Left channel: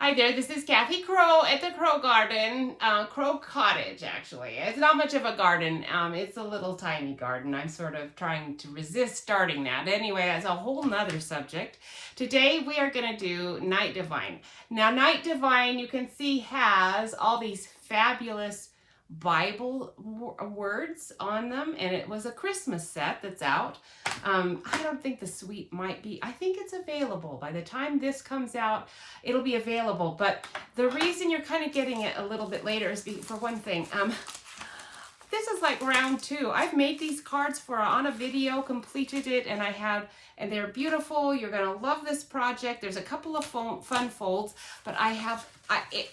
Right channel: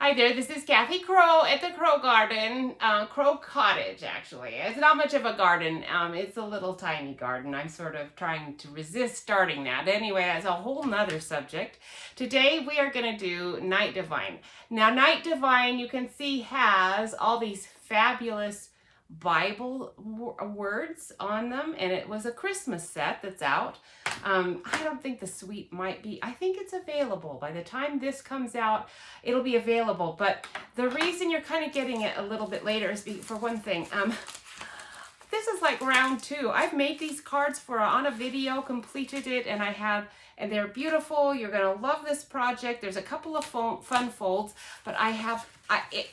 Hi there, this is Kathy Crow at the Crow Garden, Crow Cottage actually. It's not much of a garden, it's a little tiny garden. I'm sort of trying to resist starting that. Anyway, that's a whole nother subject. Today we are going to do Night Divine. Now Night Divine, you can see, has all these fabulous Bible words on them, and it was a Christmas set that's out. I don't think the suite might be, I think it's available. By the time this comes out, it'll be available. But the reason you're kind of getting it a little bit later is for one thing, this is like round 2. I've made these cards on a video, completed it, and they're beautiful. You're gonna love this project. There's a couple of fun folds, but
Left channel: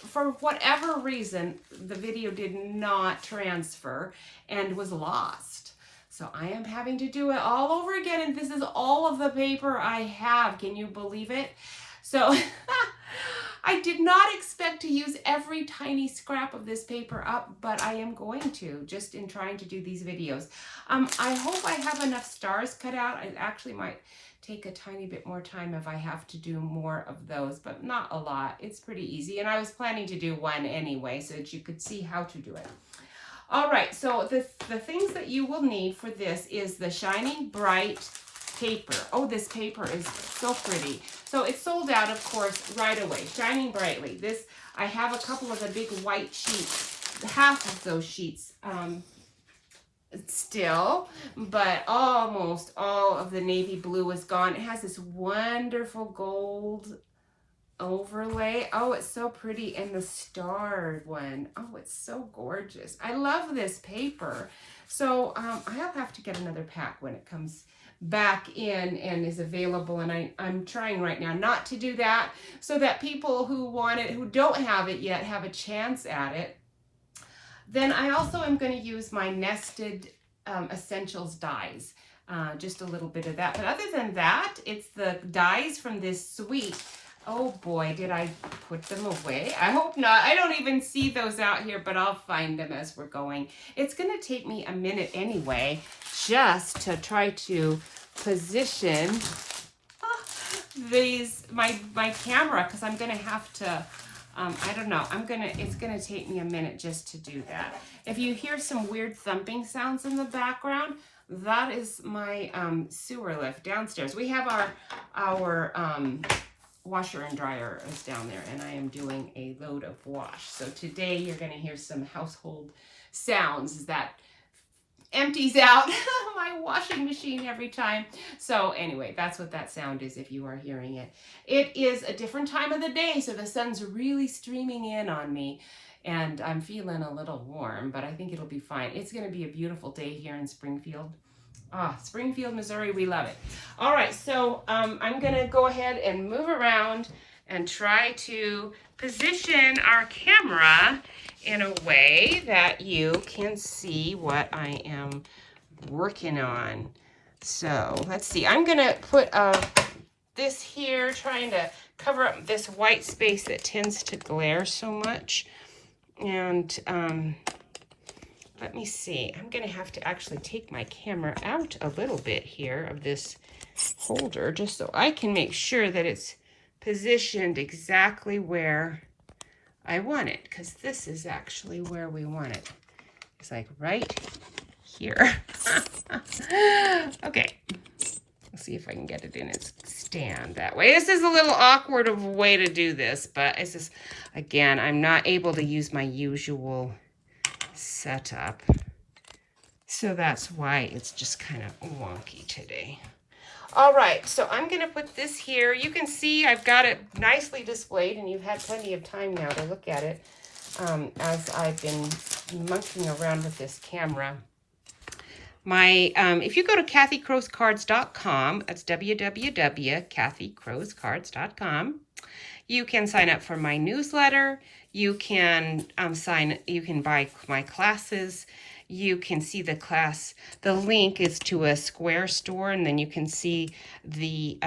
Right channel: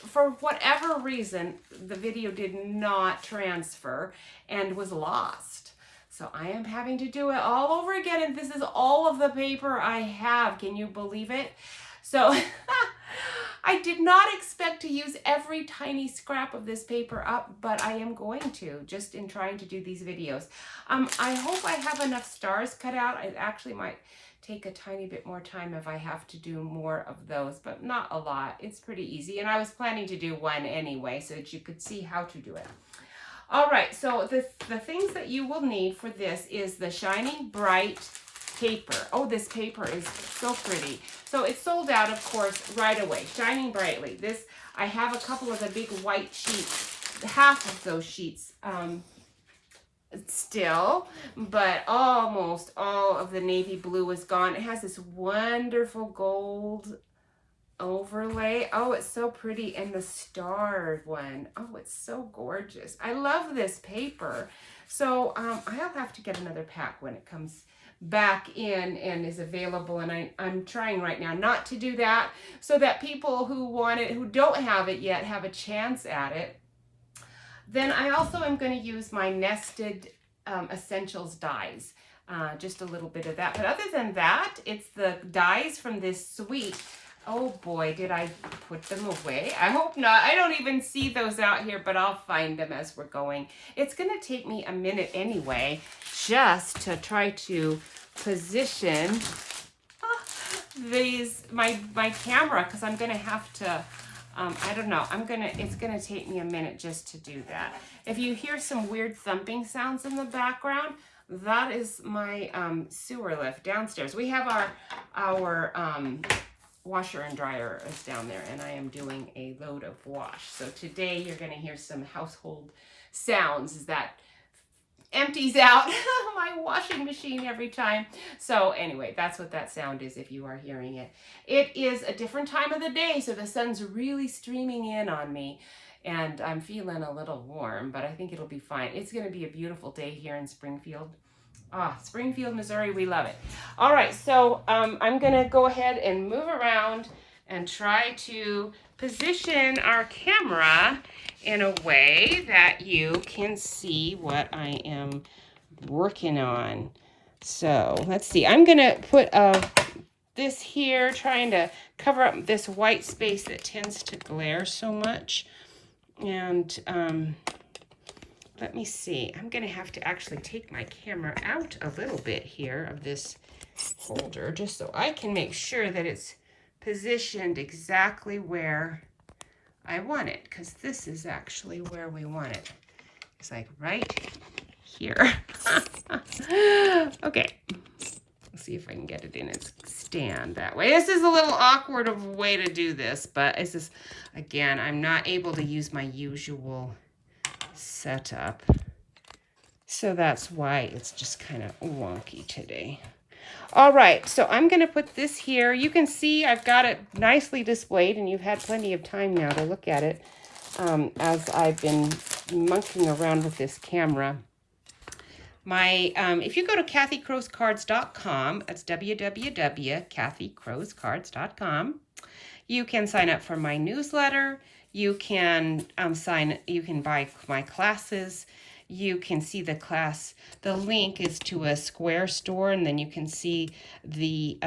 for whatever reason, the video did not transfer and was lost. So I am having to do it all over again, and this is all of the paper I have. Can you believe it? So I did not expect to use every tiny scrap of this paper up, but I am going to, just in trying to do these videos. I hope I have enough stars cut out. It actually might take a tiny bit more time if I have to do more of those, but not a lot. It's pretty easy, and I was planning to do one anyway so that you could see how to do it. All right, so the things that you will need for this is the Shining Bright paper. Oh, this paper is so pretty. So it's sold out, of course, right away. Shining Brightly. This, I have a couple of the big white sheets, half of those sheets still, but almost all of the navy blue is gone. It has this wonderful gold overlay. Oh, it's so pretty. And the starred one. Oh, it's so gorgeous. I love this paper. So I'll have to get another pack when it comes back in and is available, and I'm trying right now not to do that so that people who want it, who don't have it yet, have a chance at it. Then I also am going to use my nested essentials dies, just a little bit of that, but other than that, it's the dies from this suite. Oh boy, did I put them away? I hope not. I don't even see those out here, but I'll find them as we're going. It's going to take me a minute anyway, just to try to position my camera, because I'm going to have to, I don't know, it's going to take me a minute just to do that. If you hear some weird thumping sounds in the background, that is my sewer lift downstairs. We have our washer and dryer is down there, and I am doing a load of wash. So today you're going to hear some household sounds as that empties out my washing machine every time. So anyway, that's what that sound is if you are hearing it. It is a different time of the day, so the sun's really streaming in on me, and I'm feeling a little warm, but I think it'll be fine. It's going to be a beautiful day here in Springfield. Springfield, Missouri, we love it. All right, so I'm going to go ahead and move around and try to position our camera in a way that you can see what I am working on. So let's see. I'm going to put this here, trying to cover up this white space that tends to glare so much. And let me see. I'm going to have to actually take my camera out a little bit here of this holder just so I can make sure that it's positioned exactly where I want it, because this is actually where we want it. It's like right here. Okay. Let's see if I can get it in its stand that way. This is a little awkward of a way to do this, but it's just, again, I'm not able to use my usual setup, so that's why it's just kind of wonky today. All right, so I'm going to put this here. You can see I've got it nicely displayed, and you've had plenty of time now to look at it as I've been monkeying around with this camera. If you go to kathycrowscards.com, that's www.kathycrowscards.com, you can sign up for my newsletter. You can you can buy my classes. You can see the class. The link is to a Square store, and then you can see the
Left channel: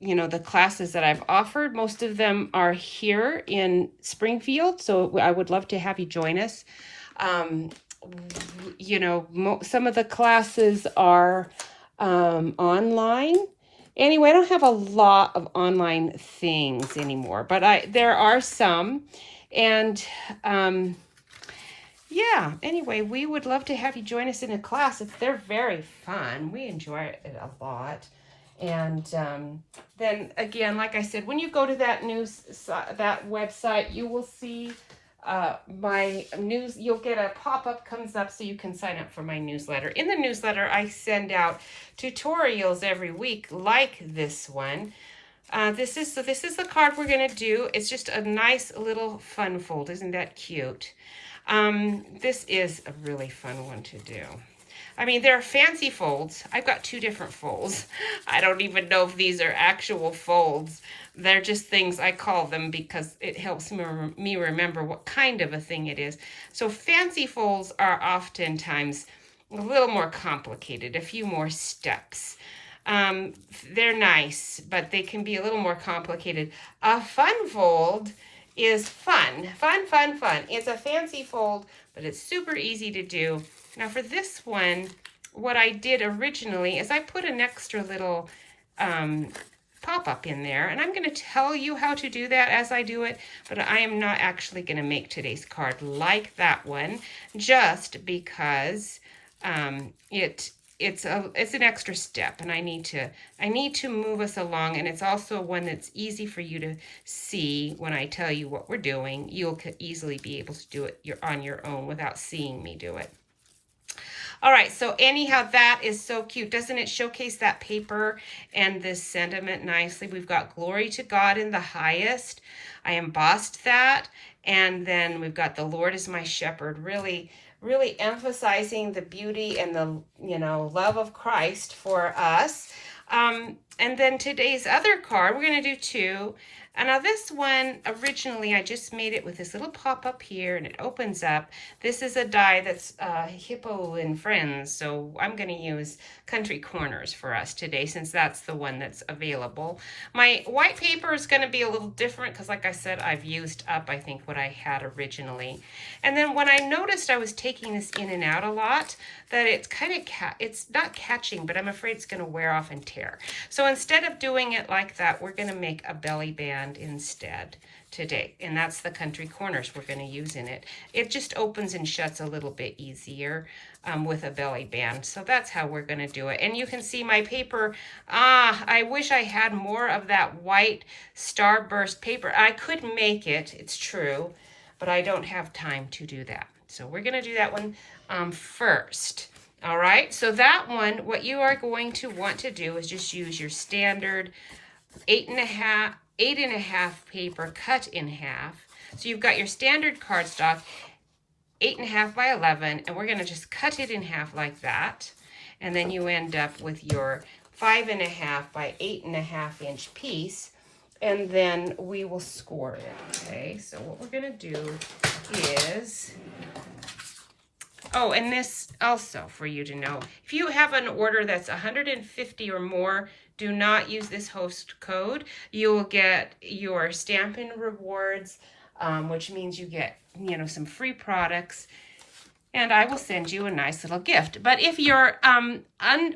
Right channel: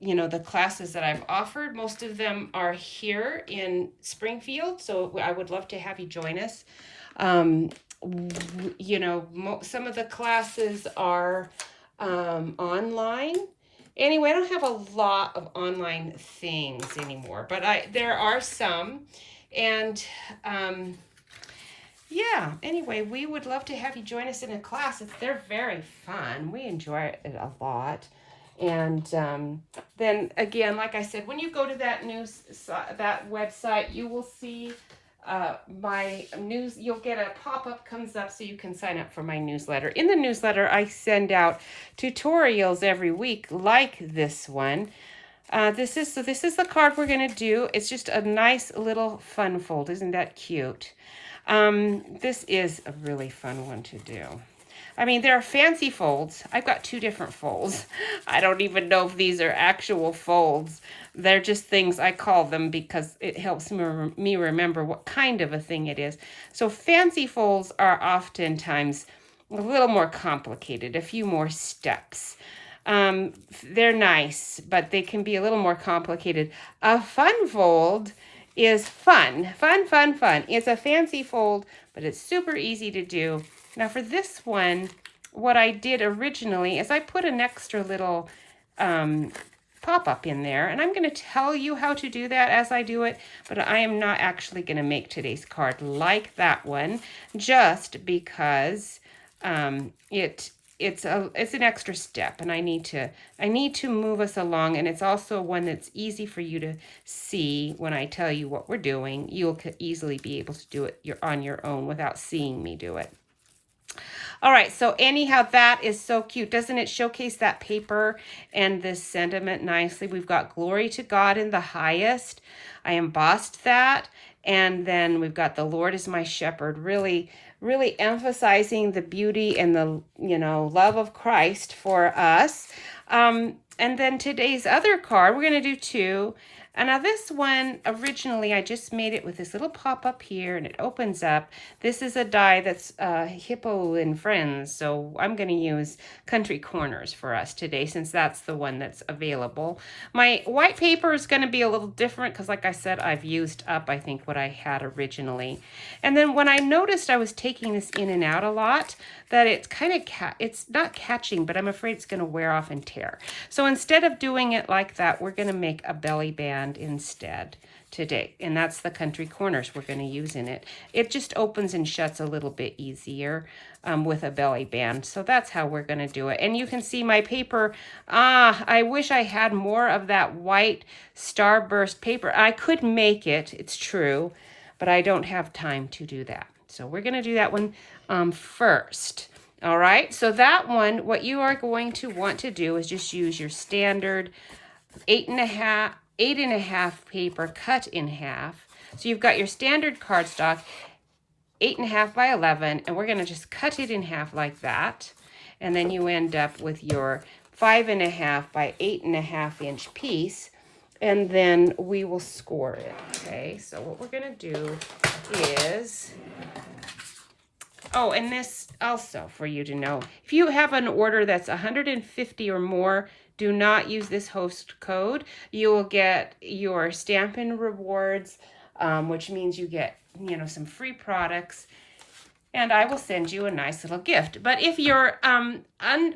the classes that I've offered. Most of them are here in Springfield, so I would love to have you join us. Some of the classes are online, Anyway, I don't have a lot of online things anymore, but there are some. And yeah, anyway, we would love to have you join us in a class. They're very fun. We enjoy it a lot. And then again, like I said, when you go to that that website, you will see my news. You'll get a pop-up comes up so you can sign up for my newsletter. In the newsletter, I send out tutorials every week like this one. This is the card we're going to do. It's just a nice little fun fold. Isn't that cute? This is a really fun one to do. I mean, there are fancy folds. I've got 2 different folds. I don't even know if these are actual folds. They're just things I call them because it helps me remember what kind of a thing it is. So fancy folds are oftentimes a little more complicated, a few more steps. They're nice, but they can be a little more complicated. A fun fold is fun. It's a fancy fold, but it's super easy to do. Now for this one, what I did originally is I put an extra little pop-up in there, and I'm going to tell you how to do that as I do it, but I am not actually going to make today's card like that one, just because it's an extra step, and I need to move us along, and it's also one that's easy for you to see when I tell you what we're doing. You'll easily be able to do it on your own without seeing me do it. All right, so anyhow, that is so cute. Doesn't it showcase that paper and this sentiment nicely? We've got glory to God in the highest. I embossed that. And then we've got the Lord is my shepherd, really emphasizing the beauty and the, love of Christ for us. And then today's other card, we're going to do 2. And now this one, originally, I just made it with this little pop-up here, and it opens up. This is a die that's Hippo and Friends, so I'm going to use Country Corners for us today, since that's the one that's available. My white paper is going to be a little different, because like I said, I've used up, I think, what I had originally. And then when I noticed I was taking this in and out a lot, that it's kind of, it's not catching, but I'm afraid it's going to wear off and tear. So instead of doing it like that, we're going to make a belly band instead today. And that's the Country Corners we're going to use in it. It just opens and shuts a little bit easier with a belly band. So that's how we're going to do it. And you can see my paper. I wish I had more of that white starburst paper. I could make it, it's true, but I don't have time to do that. So we're going to do that one first. All right, so that one, what you are going to want to do is just use your standard 8.5 paper cut in half. So you've got your standard cardstock, 8.5 by 11, and we're going to just cut it in half like that. And then you end up with your 5.5 by 8.5 inch piece. And then we will score it, okay? So what we're going to do is, oh, and this also for you to know, if you have an order that's 150 or more, do not use this host code. You will get your Stampin' Rewards, which means you get, some free products, and I will send you a nice little gift. But if your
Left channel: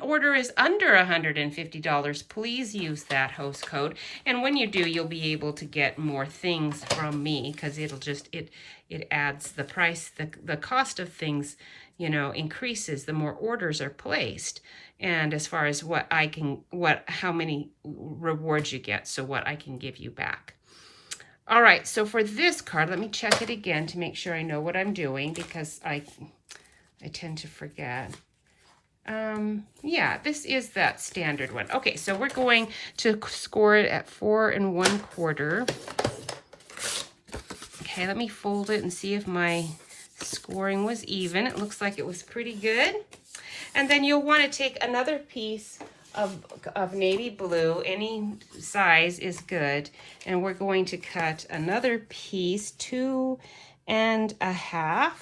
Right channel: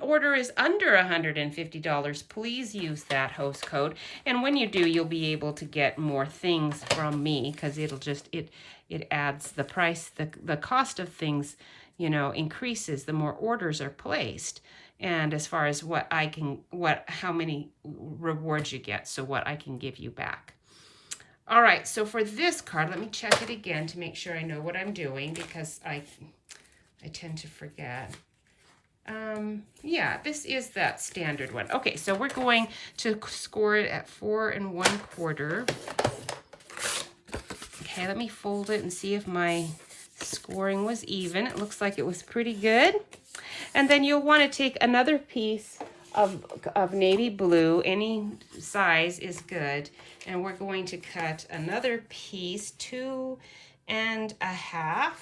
order is under $150, please use that host code. And when you do, you'll be able to get more things from me, because it'll just, it adds the price, the cost of things, increases the more orders are placed. And as far as how many rewards you get, so what I can give you back. All right, so for this card, let me check it again to make sure I know what I'm doing, because I tend to forget. Yeah, this is that standard one. Okay, so we're going to score it at 4 1/4. Okay, let me fold it and see if my scoring was even. It looks like it was pretty good. And then you'll want to take another piece of navy blue, any size is good, and we're going to cut another piece, 2 1/2,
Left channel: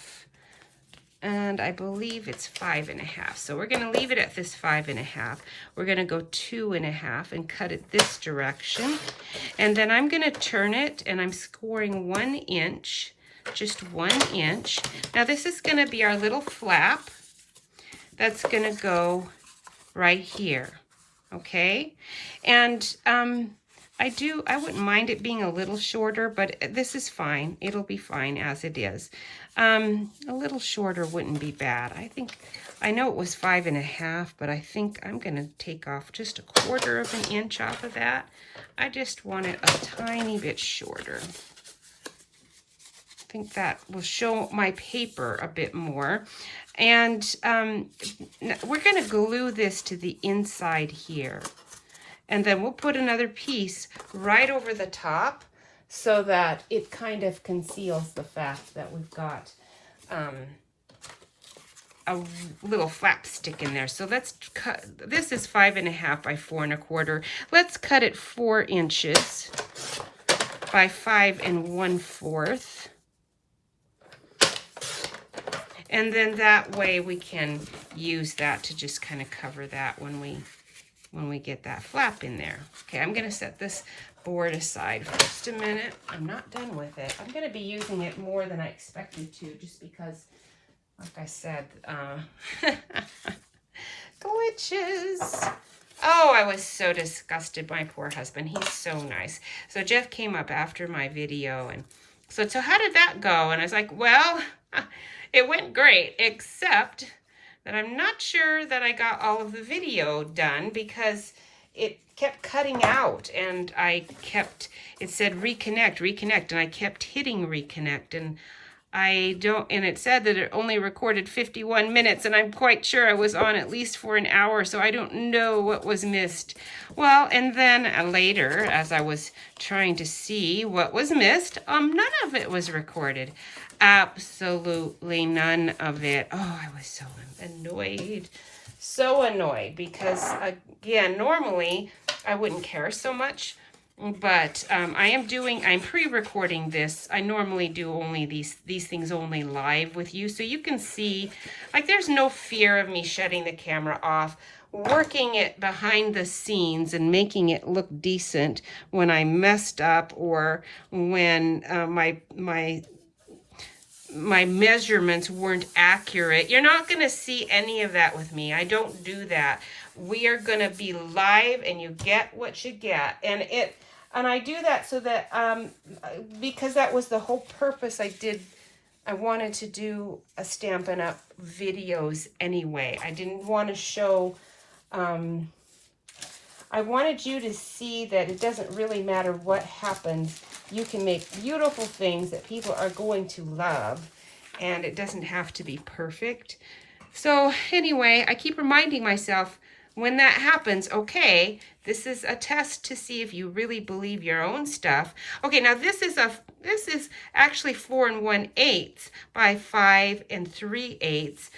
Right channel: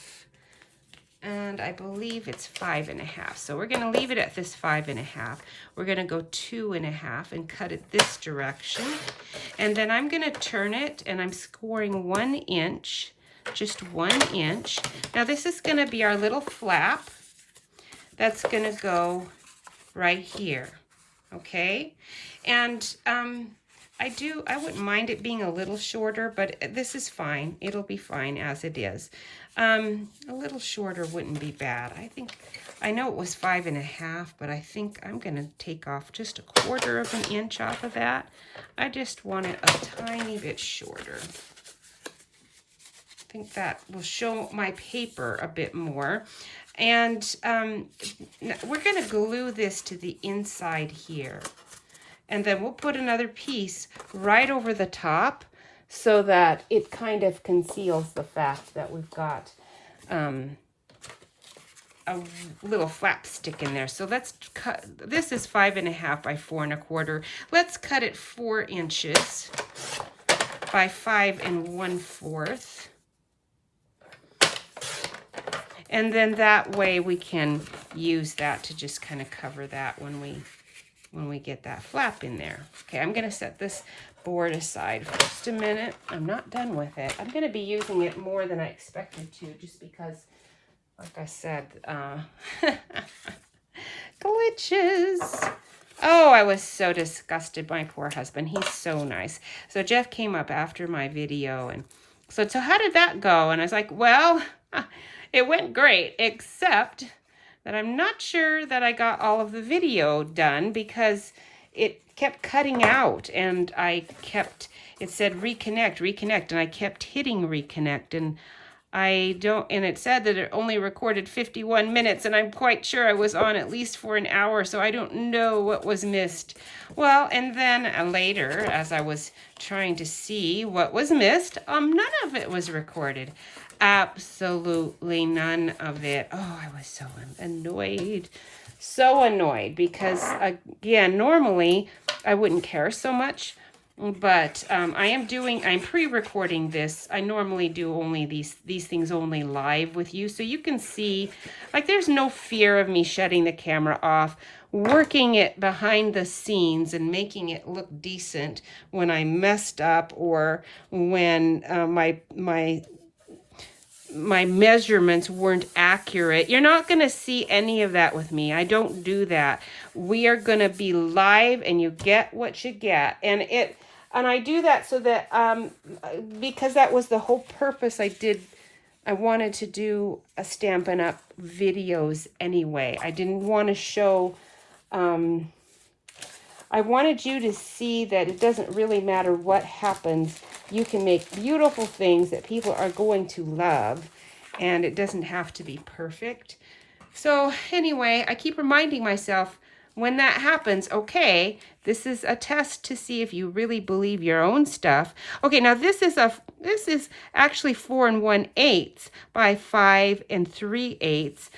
and I believe it's 5 1/2. So we're going to leave it at this 5 1/2. We're going to go 2 1/2 and cut it this direction, and then I'm going to turn it, and I'm scoring 1 inch, just 1 inch. Now this is going to be our little flap that's going to go right here. okay? And I wouldn't mind it being a little shorter, but this is fine. It'll be fine as it is. A little shorter wouldn't be bad. I know it was 5.5, but I think I'm gonna take off just 1/4 of an inch off of that. I just want it a tiny bit shorter. I think that will show my paper a bit more. And we're gonna glue this to the inside here. And then we'll put another piece right over the top so that it kind of conceals the fact that we've got a little flap stick in there. So let's cut, this is 5.5 by 4.25. Let's cut it 4 inches by 5 1/4. And then that way we can use that to just kind of cover that when we get that flap in there. Okay, I'm gonna set this board aside for just a minute. I'm not done with it. I'm gonna be using it more than I expected to, just because, like I said, glitches. Oh, I was so disgusted. My poor husband, he's so nice. So Jeff came up after my video and so how did that go? And I was like, well, it went great, except that I'm not sure that I got all of the video done because it kept cutting out and it said reconnect, and I kept hitting reconnect, and it said that it only recorded 51 minutes, and I'm quite sure I was on at least for an hour, so I don't know what was missed. Well, and then later, as I was trying to see what was missed, none of it was recorded. Absolutely none of it. Oh, I was so annoyed. So annoyed because, again, normally I wouldn't care so much, but I'm pre-recording this. I normally do only these things only live with you, so you can see, like, there's no fear of me shutting the camera off, working it behind the scenes and making it look decent when I messed up or when my measurements weren't accurate. You're not going to see any of that with me. I don't do that. We are going to be live and you get what you get. And I do that so that, because that was the whole purpose I wanted to do a Stampin' Up! Videos anyway. I didn't want to show, I wanted you to see that it doesn't really matter what happens. You can make beautiful things that people are going to love, and it doesn't have to be perfect. So anyway, I keep reminding myself when that happens, okay, this is a test to see if you really believe your own stuff. Okay, now this is actually 4 1/8 by 5 3/8.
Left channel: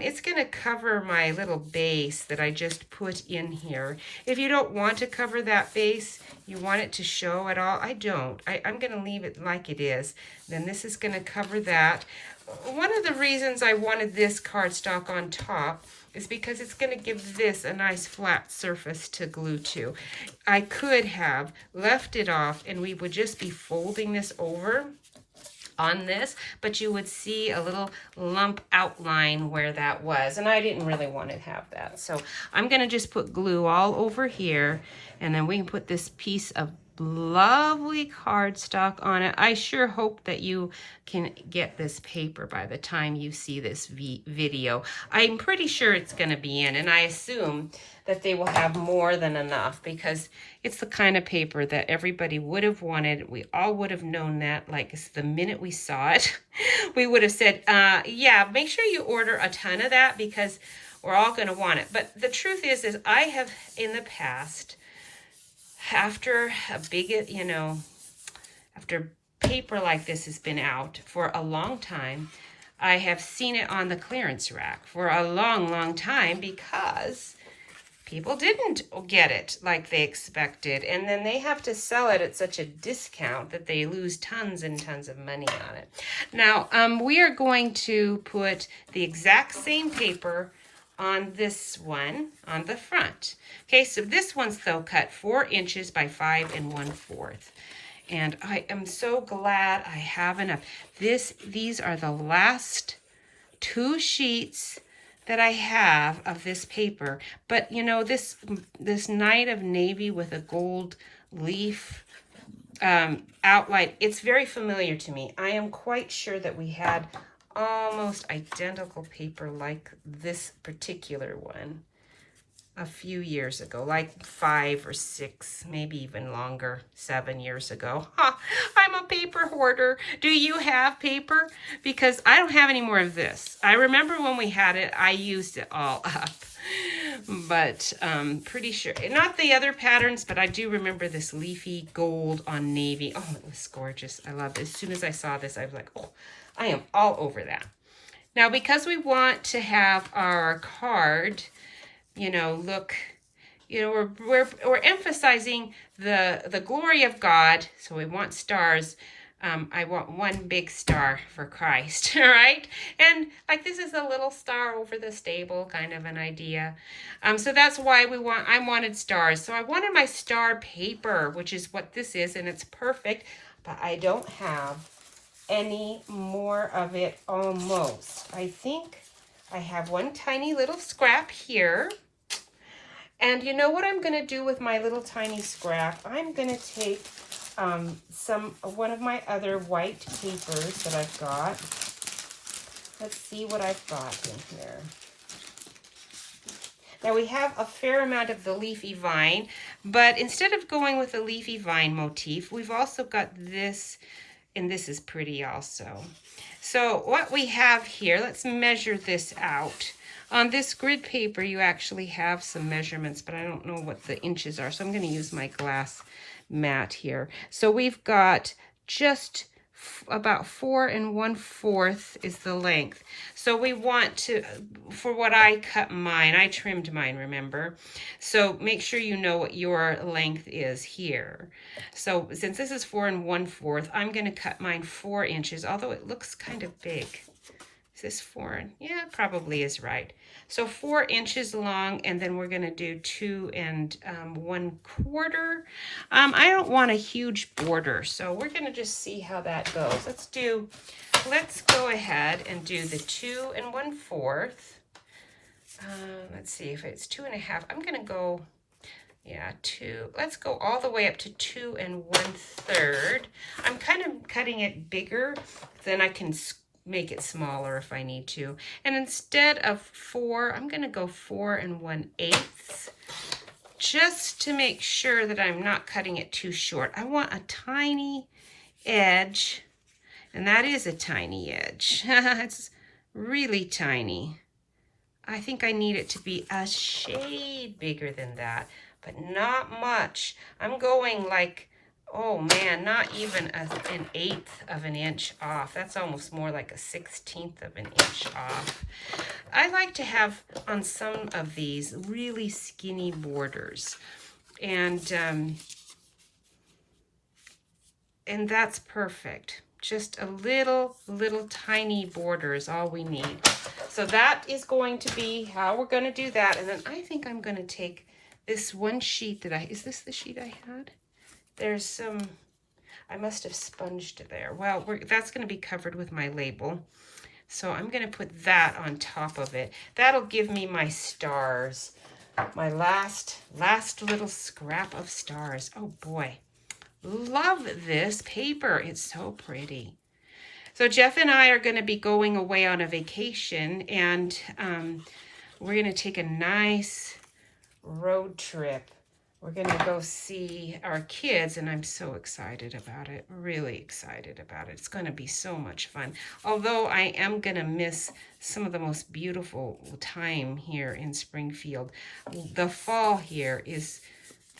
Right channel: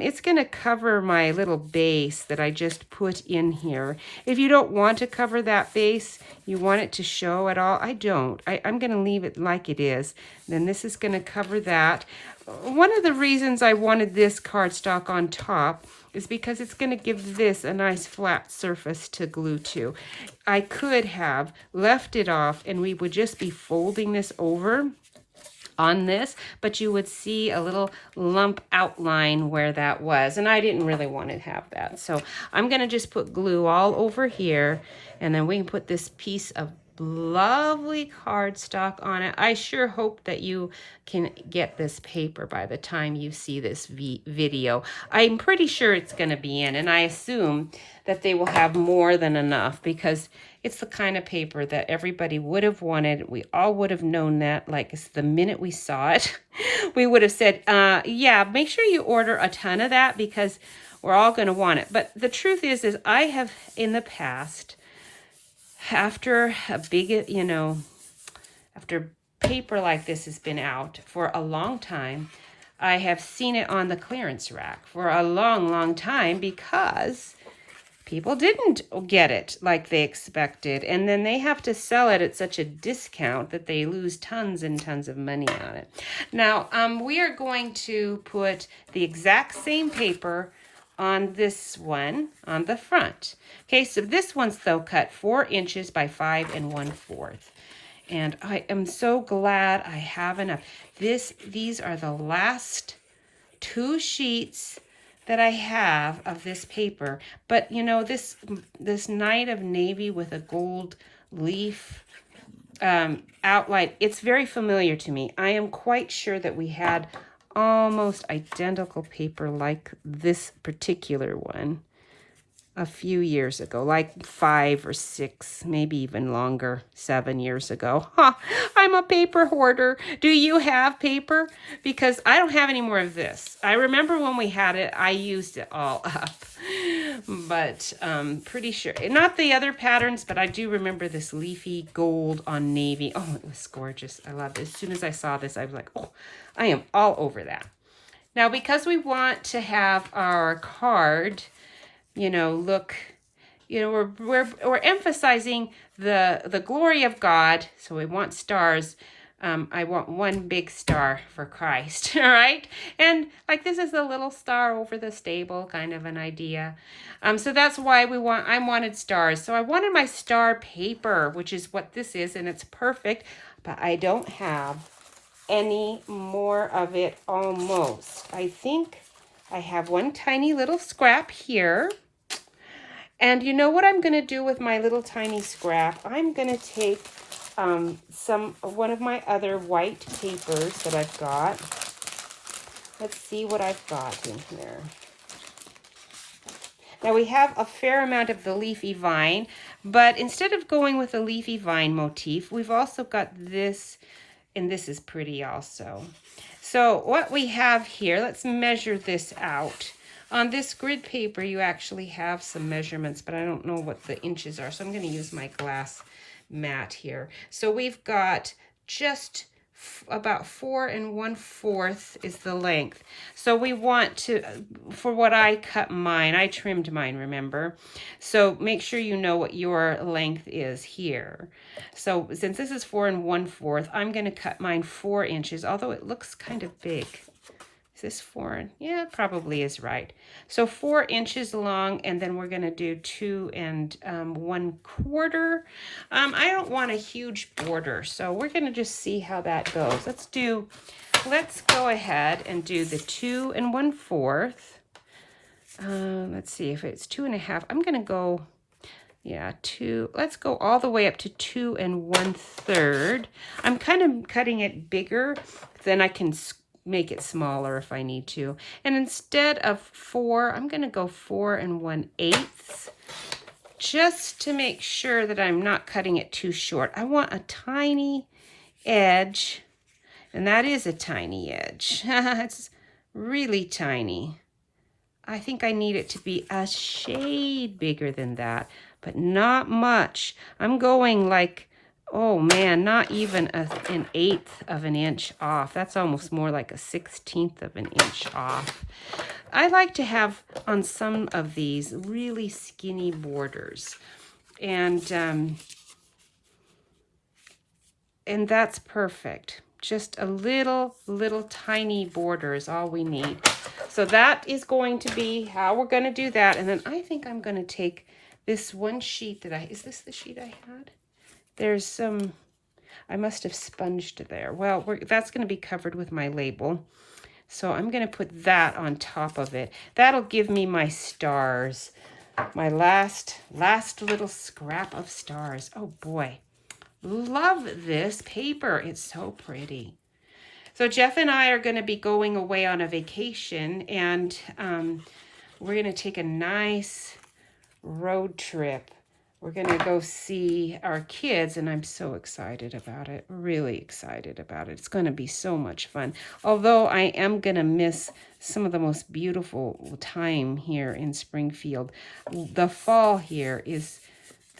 It's going to cover my little base that I just put in here. If you don't want to cover that base, you want it to show at all, I don't. I'm going to leave it like it is. Then this is going to cover that. One of the reasons I wanted this cardstock on top is because it's going to give this a nice flat surface to glue to. I could have left it off and we would just be folding this over on this, but you would see a little lump outline where that was, and I didn't really want to have that. So I'm going to just put glue all over here, and then we can put this piece of lovely cardstock on it. I sure hope that you can get this paper by the time you see this video. I'm pretty sure it's going to be in, and I assume that they will have more than enough because it's the kind of paper that everybody would have wanted. We all would have known that, like, the minute we saw it. We would have said, yeah, make sure you order a ton of that because we're all going to want it. But the truth is I have in the past, after a big, after paper like this has been out for a long time, I have seen it on the clearance rack for a long, long time because people didn't get it like they expected, and then they have to sell it at such a discount that they lose tons and tons of money on it. Now, we are going to put the exact same paper on this one on the front. Okay, so this one's though cut 4 inches by 5 1/4. And I am so glad I have enough. These are the last 2 sheets that I have of this paper. But you know, this night of navy with a gold leaf outline, it's very familiar to me. I am quite sure that we had almost identical paper like this particular one a few years ago, like 5 or 6, maybe even longer, 7 years ago. Ha! I'm a paper hoarder. Do you have paper? Because I don't have any more of this. I remember when we had it, I used it all up. But pretty sure, not the other patterns, but I do remember this leafy gold on navy. Oh, it was gorgeous. I loved it. As soon as I saw this, I was like, oh, I am all over that. Now, because we want to have our card, you know, look, you know, we're emphasizing the glory of God. So we want stars. I want one big star for Christ, all right? And like this is a little star over the stable, kind of an idea. So that's why I wanted stars. So I wanted my star paper, which is what this is, and it's perfect, but I don't have any more of it almost. I think I have one tiny little scrap here. And you know what I'm going to do with my little tiny scrap? I'm going to take one of my other white papers that I've got. Let's see what I've got in here. Now we have a fair amount of the leafy vine, but instead of going with the leafy vine motif, we've also got this, and this is pretty also. So what we have here, let's measure this out. On this grid paper, you actually have some measurements, but I don't know what the inches are, so I'm going to use my glass mat here. So we've got just about 4 1/4 is the length. So we want to, for what I cut mine, I trimmed mine, remember? So make sure you know what your length is here. So since this is 4 1/4, I'm going to cut mine 4 inches, although it looks kind of big. Is this 4? Yeah, it probably is right. So 4 inches long, and then we're going to do 2 1/4. I don't want a huge border, so we're going to just see how that goes. Let's go ahead and do the 2 1/4. Let's see if it's 2 1/2. I'm going to go, yeah, 2. Let's go all the way up to 2 1/3. I'm kind of cutting it bigger, then I can make it smaller if I need to. And instead of 4, I'm going to go 4 1/8, just to make sure that I'm not cutting it too short. I want a tiny edge, and that is a tiny edge. It's really tiny. I think I need it to be a shade bigger than that, but not much. I'm going like, oh man, not even an 1/8 of an inch off. That's almost more like a 1/16 of an inch off. I like to have on some of these really skinny borders, and that's perfect. Just a little tiny border is all we need. So that is going to be how we're going to do that. And then I think I'm going to take this one sheet that is this the sheet I had? There's some, I must have sponged there. Well, that's going to be covered with my label. So I'm going to put that on top of it. That'll give me my stars. My last little scrap of stars. Oh boy. Love this paper. It's so pretty. So Jeff and I are going to be going away on a vacation, and we're going to take a nice road trip. We're going to go see our kids, and I'm so excited about it. Really excited about it. It's going to be so much fun. Although I am going to miss some of the most beautiful time here in Springfield. The fall here is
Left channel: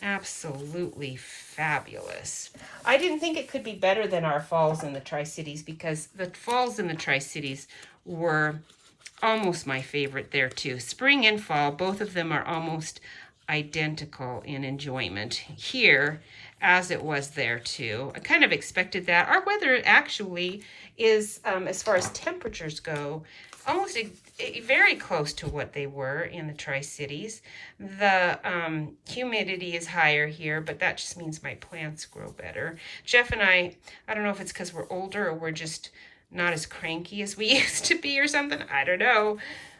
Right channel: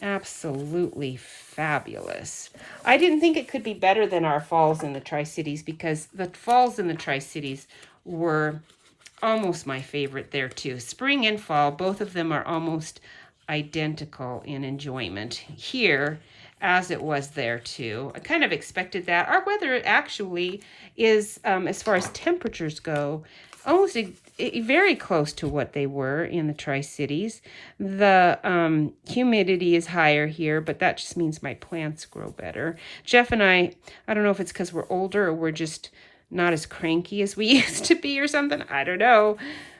absolutely fabulous. I didn't think it could be better than our falls in the Tri-Cities, because the falls in the Tri-Cities were almost my favorite there too. Spring and fall, both of them are almost identical in enjoyment here as it was there too. I kind of expected that. Our weather actually is, as far as temperatures go, almost very close to what they were in the Tri-Cities. The humidity is higher here, but that just means my plants grow better. Jeff and I don't know if it's because we're older or we're just not as cranky as we used to be or something. I don't know.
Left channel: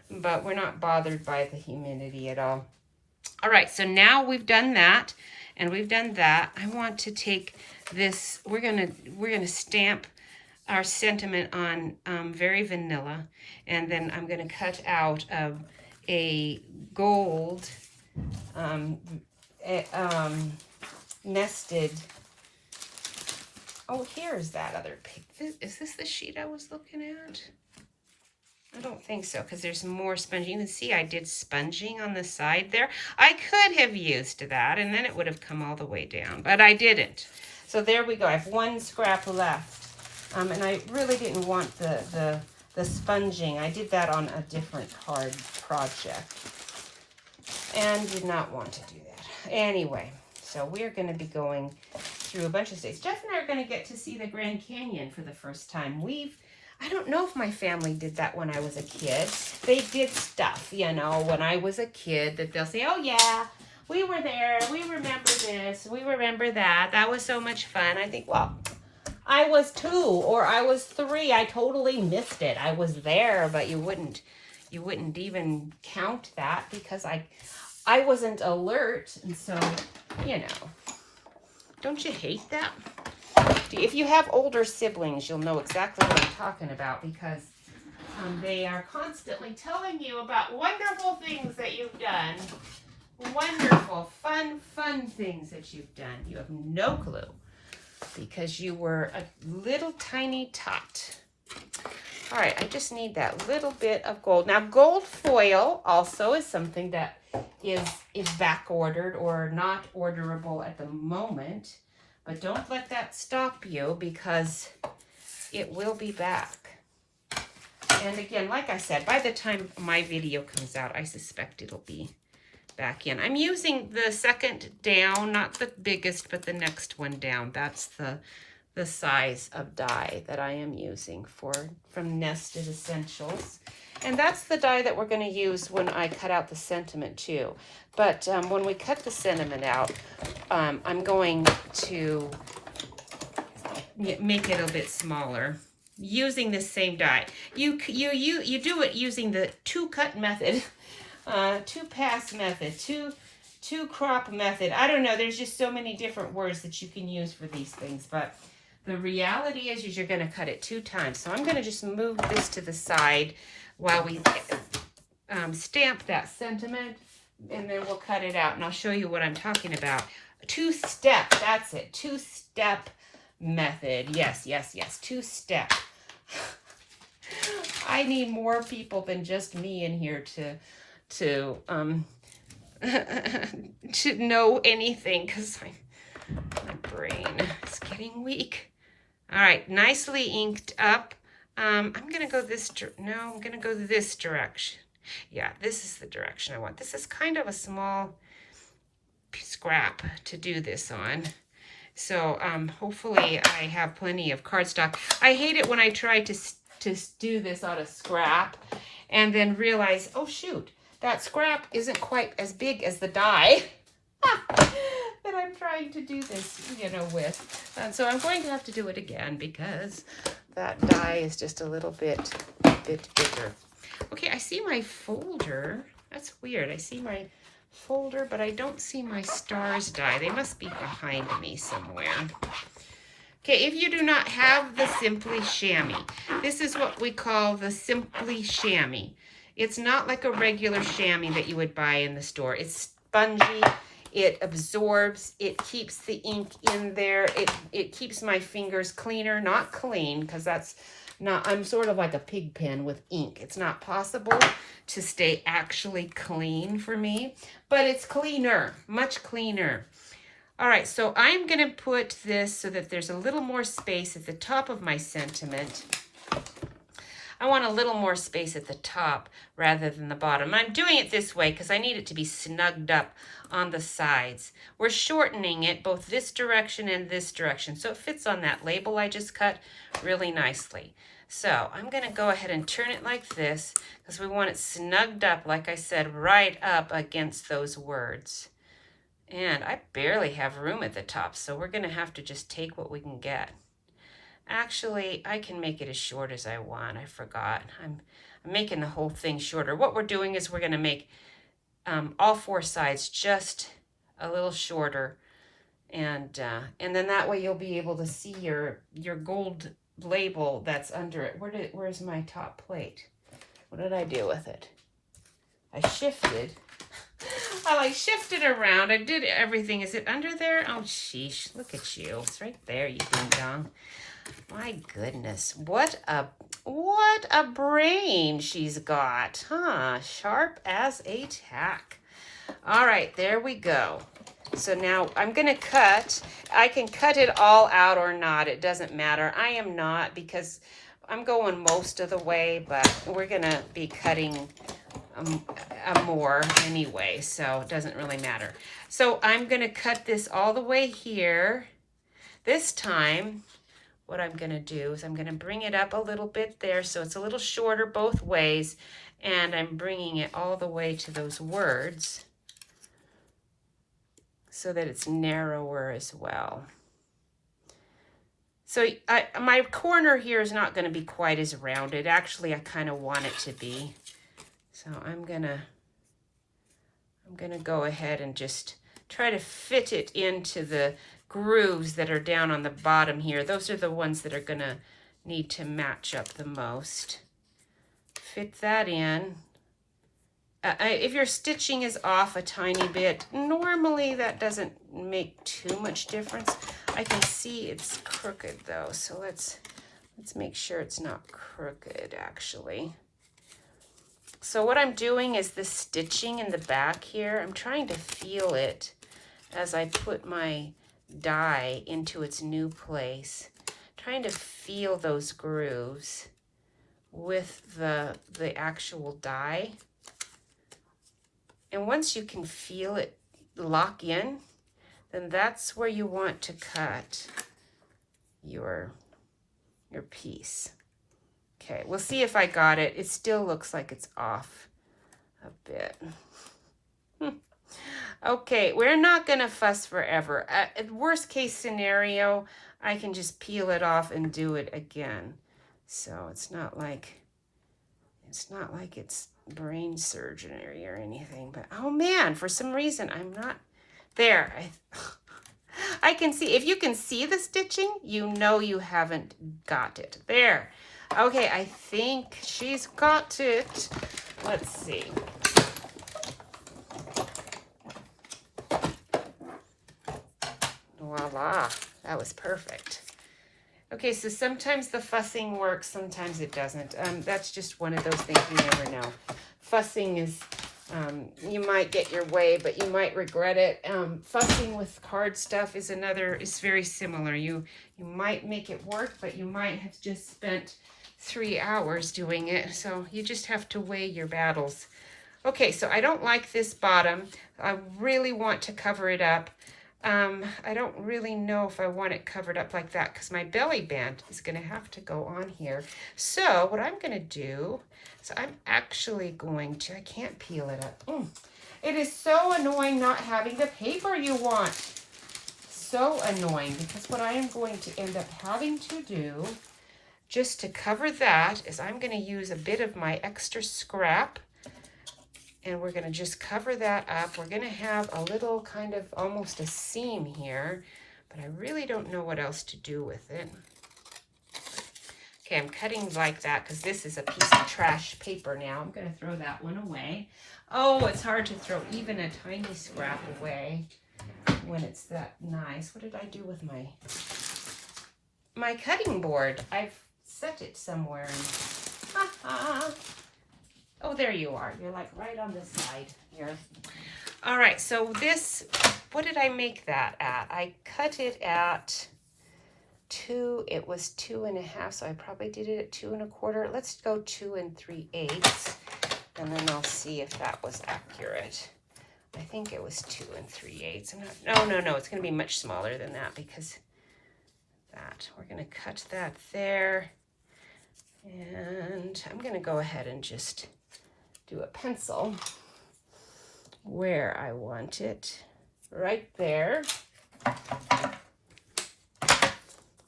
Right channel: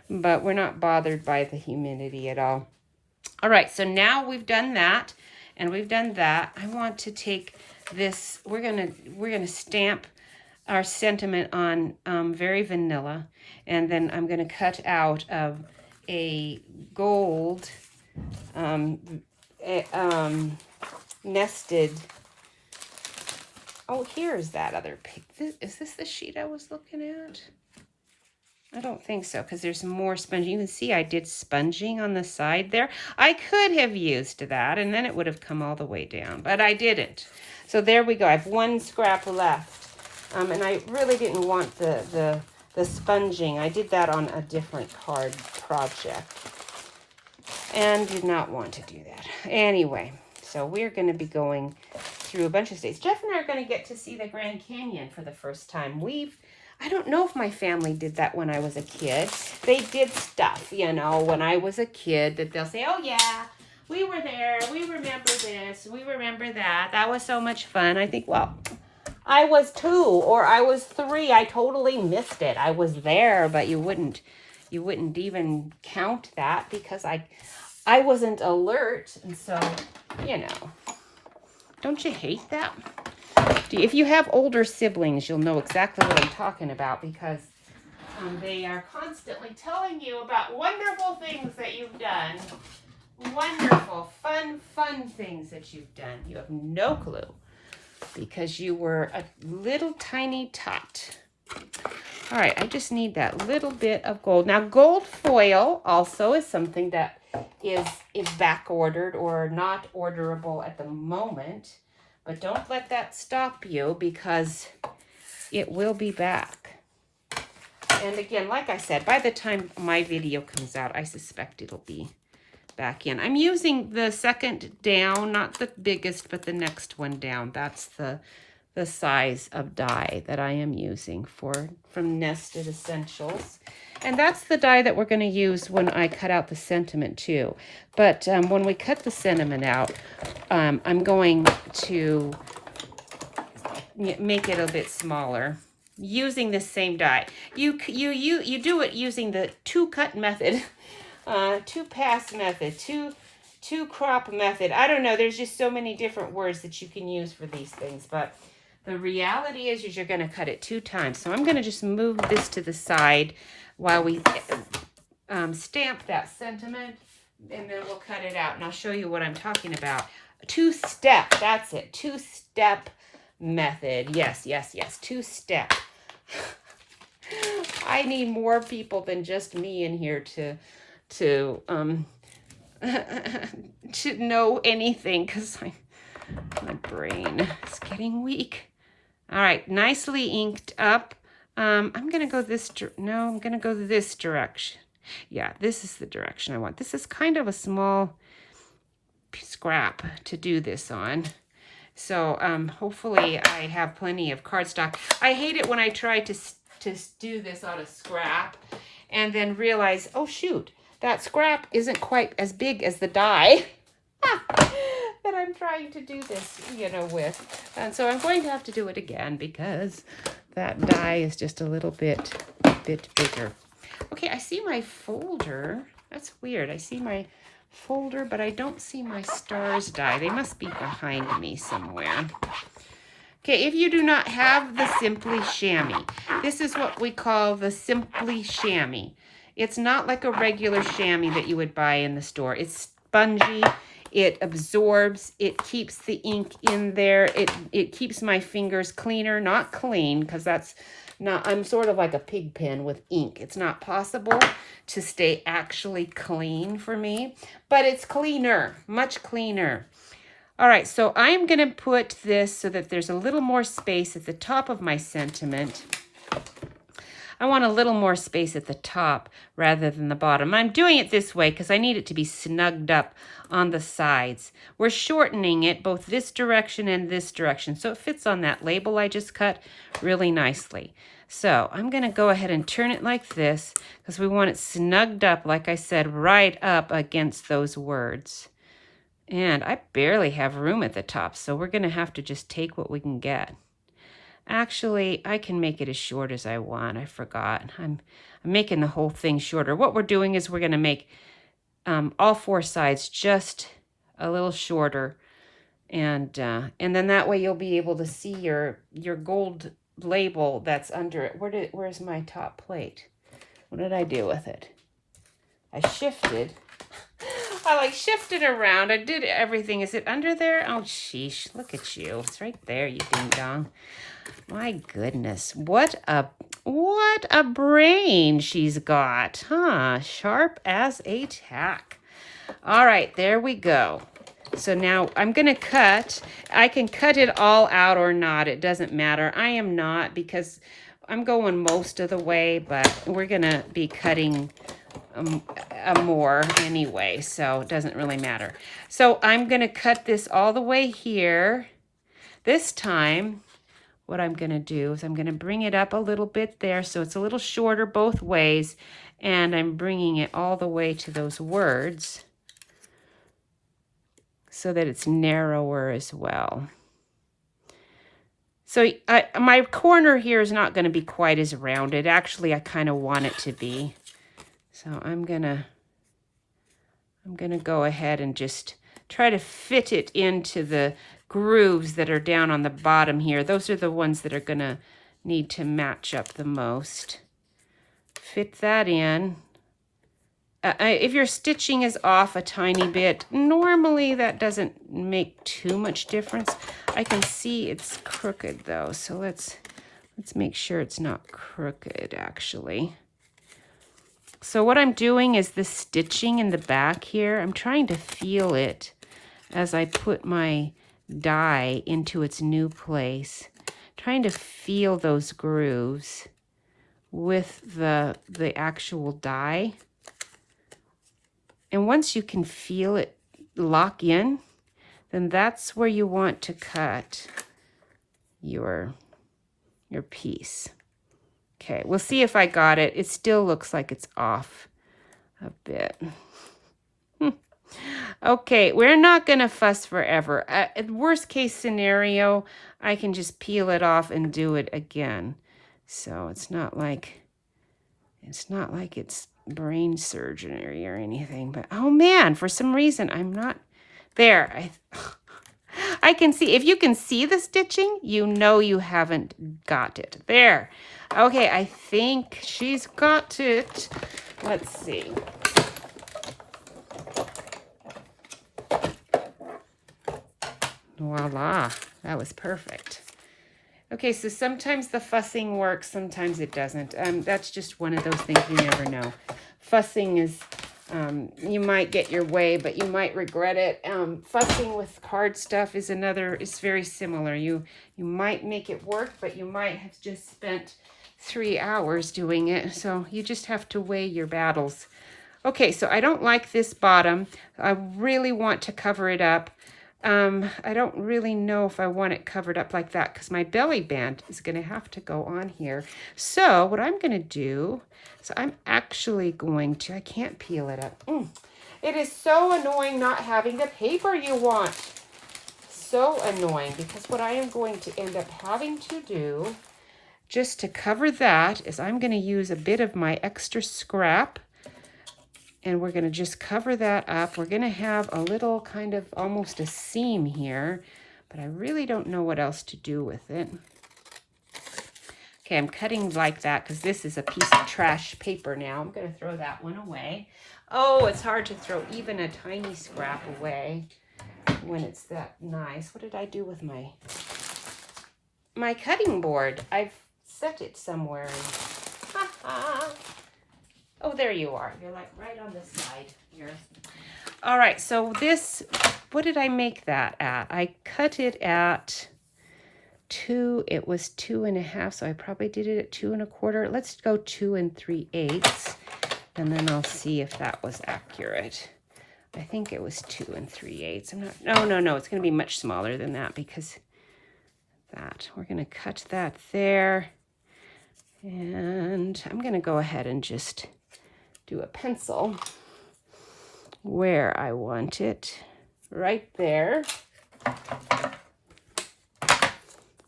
but we're not bothered by the humidity at all. All right, so now we've done that and we've done that. I want to take this, we're gonna stamp our sentiment on very vanilla, and then I'm gonna cut out a gold nested. Oh, here's that other pic. Is this the sheet I was looking at? I don't think so, because there's more sponging. You can see I did sponging on the side there. I could have used that, and then it would have come all the way down, but I didn't. So there we go. I have one scrap left. And I really didn't want the sponging. I did that on a different card project and did not want to do that. Anyway, so we're going to be going through a bunch of states. Jeff and I are going to get to see the Grand Canyon for the first time. I don't know if my family did that when I was a kid. They did stuff, you know, when I was a kid that they'll say, oh yeah, we were there. We remember this. We remember that. That was so much fun. I think, well, I was 2 or I was 3. I totally missed it. I was there, but you wouldn't even count that because I wasn't alert. And so, you know, don't you hate that? If you have older siblings, you'll know exactly what I'm talking about because they are constantly telling you about wonderful things that you've done. Wonderful, fun things that you've done. You have no clue because you were a little tiny tot. All right, I just need that little bit of gold. Now, gold foil also is something that is back ordered or not orderable at the moment. But don't let that stop you because it will be back. And again, like I said, by the time my video comes out, I suspect it'll be back in. I'm using the second down, not the biggest, but the next one down. That's the size of die that I am using from Nested Essentials. And that's the die that we're going to use when I cut out the sentiment too. But when we cut the sentiment out, I'm going to make it a bit smaller using the same die. You do it using the 2-cut method, 2-pass method, two crop method. I don't know. There's just so many different words that you can use for these things, but the reality is you're going to cut it 2 times. So I'm going to just move this to the side while we stamp that sentiment, and then we'll cut it out, and I'll show you what I'm talking about. 2-step, that's it, 2-step method. Yes, 2-step. I need more people than just me in here to know anything, because my brain is getting weak. All right, nicely inked up. I'm going to go I'm going to go this direction. Yeah, this is the direction I want. This is kind of a small scrap to do this on. So hopefully I have plenty of cardstock. I hate it when I try to do this on a scrap and then realize, oh shoot, that scrap isn't quite as big as the die that I'm trying to do this, you know, with. And so I'm going to have to do it again because that die is just a little bit bigger. Okay, I see my folder. That's weird. I see my folder, but I don't see my stars die. They must be behind me somewhere. Okay, if you do not have the Simply Chamois, this is what we call the Simply Chamois. It's not like a regular chamois that you would buy in the store. It's spongy. It absorbs. It keeps the ink in there. It keeps my fingers cleaner, not clean, because that's not, I'm sort of like a pig pen with ink. It's not possible to stay actually clean for me, but it's cleaner, much cleaner. All right, so I'm going to put this so that there's a little more space at the top of my sentiment. I want a little more space at the top rather than the bottom. I'm doing it this way because I need it to be snugged up on the sides. We're shortening it both this direction and this direction, so it fits on that label I just cut really nicely. So I'm going to go ahead and turn it like this because we want it snugged up, like I said, right up against those words. And I barely have room at the top, so we're going to have to just take what we can get. Actually, I can make it as short as I want. I forgot. I'm making the whole thing shorter. What we're doing is we're going to make all 4 sides just a little shorter, and then that way you'll be able to see your gold label that's under it. Where's my top plate? What did I do with it? I shifted. I like shifted around. I did everything. Is it under there? Oh, sheesh. Look at you. It's right there, you ding dong. My goodness. What a brain she's got, huh? Sharp as a tack. All right, there we go. So now I'm going to cut. I can cut it all out or not. It doesn't matter. I am not, because I'm going most of the way, but we're going to be cutting more anyway, so it doesn't really matter. So I'm going to cut this all the way here. This time, what I'm going to do is I'm going to bring it up a little bit there so it's a little shorter both ways, and I'm bringing it all the way to those words so that it's narrower as well. So my corner here is not going to be quite as rounded. Actually, I kind of want it to be. So I'm gonna go ahead and just try to fit it into the grooves that are down on the bottom here. Those are the ones that are gonna need to match up the most. Fit that in. If your stitching is off a tiny bit, normally that doesn't make too much difference. I can see it's crooked though, so let's make sure it's not crooked actually. So what I'm doing is the stitching in the back here, I'm trying to feel it as I put my die into its new place. Trying to feel those grooves with the actual die. And once you can feel it lock in, then that's where you want to cut your piece. Okay, we'll see if I got it. It still looks like it's off a bit. Okay, we're not going to fuss forever. At worst case scenario, I can just peel it off and do it again. So it's not like it's brain surgery or anything. But oh man, for some reason I'm not there. I can see, if you can see the stitching, you know you haven't got it. There. Okay, I think she's got it. Let's see. Voila, that was perfect. Okay, so sometimes the fussing works, sometimes it doesn't. That's just one of those things you never know. Fussing is, you might get your way, but you might regret it. Fussing with card stuff is very similar. You might make it work, but you might have just spent 3 hours doing it. So you just have to weigh your battles. Okay, so I don't like this bottom. I really want to cover it up. I don't really know if I want it covered up like that because my belly band is going to have to go on here. So what I'm going to do, I'm actually going to, I can't peel it up. It is so annoying not having the paper you want. So annoying, because what I am going to end up having to do just to cover that is I'm going to use a bit of my extra scrap. And we're going to just cover that up. We're going to have a little kind of almost a seam here, but I really don't know what else to do with it. Okay, I'm cutting like that because this is a piece of trash paper now. I'm going to throw that one away. Oh, it's hard to throw even a tiny scrap away when it's that nice. What did I do with my cutting board? I've set it somewhere. Oh, there you are. You're like right on the side here. All right, so this, what did I make that at? I cut it at 2, it was 2.5, so I probably did it at 2 1/4. Let's go 2 3/8, and then I'll see if that was accurate. I think it was 2 3/8. I'm not, no, it's gonna be much smaller than that because we're gonna cut that there. And I'm gonna go ahead and just do a pencil where I want it, right there.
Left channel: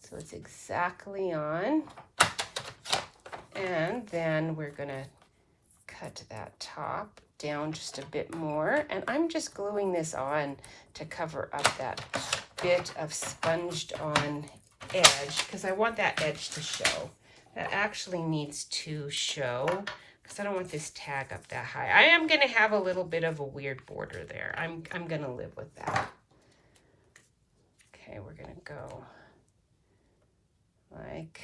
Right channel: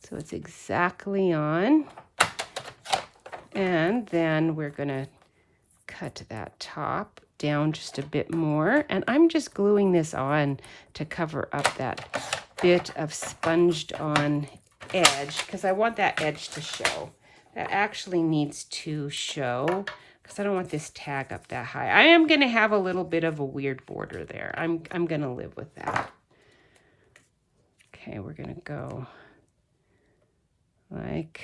So it's exactly on. And then we're gonna cut that top down just a bit more. And I'm just gluing this on to cover up that bit of sponged on edge because I want that edge to show. That actually needs to show because I don't want this tag up that high. I am gonna have a little bit of a weird border there. I'm gonna live with that. Okay, we're gonna go like,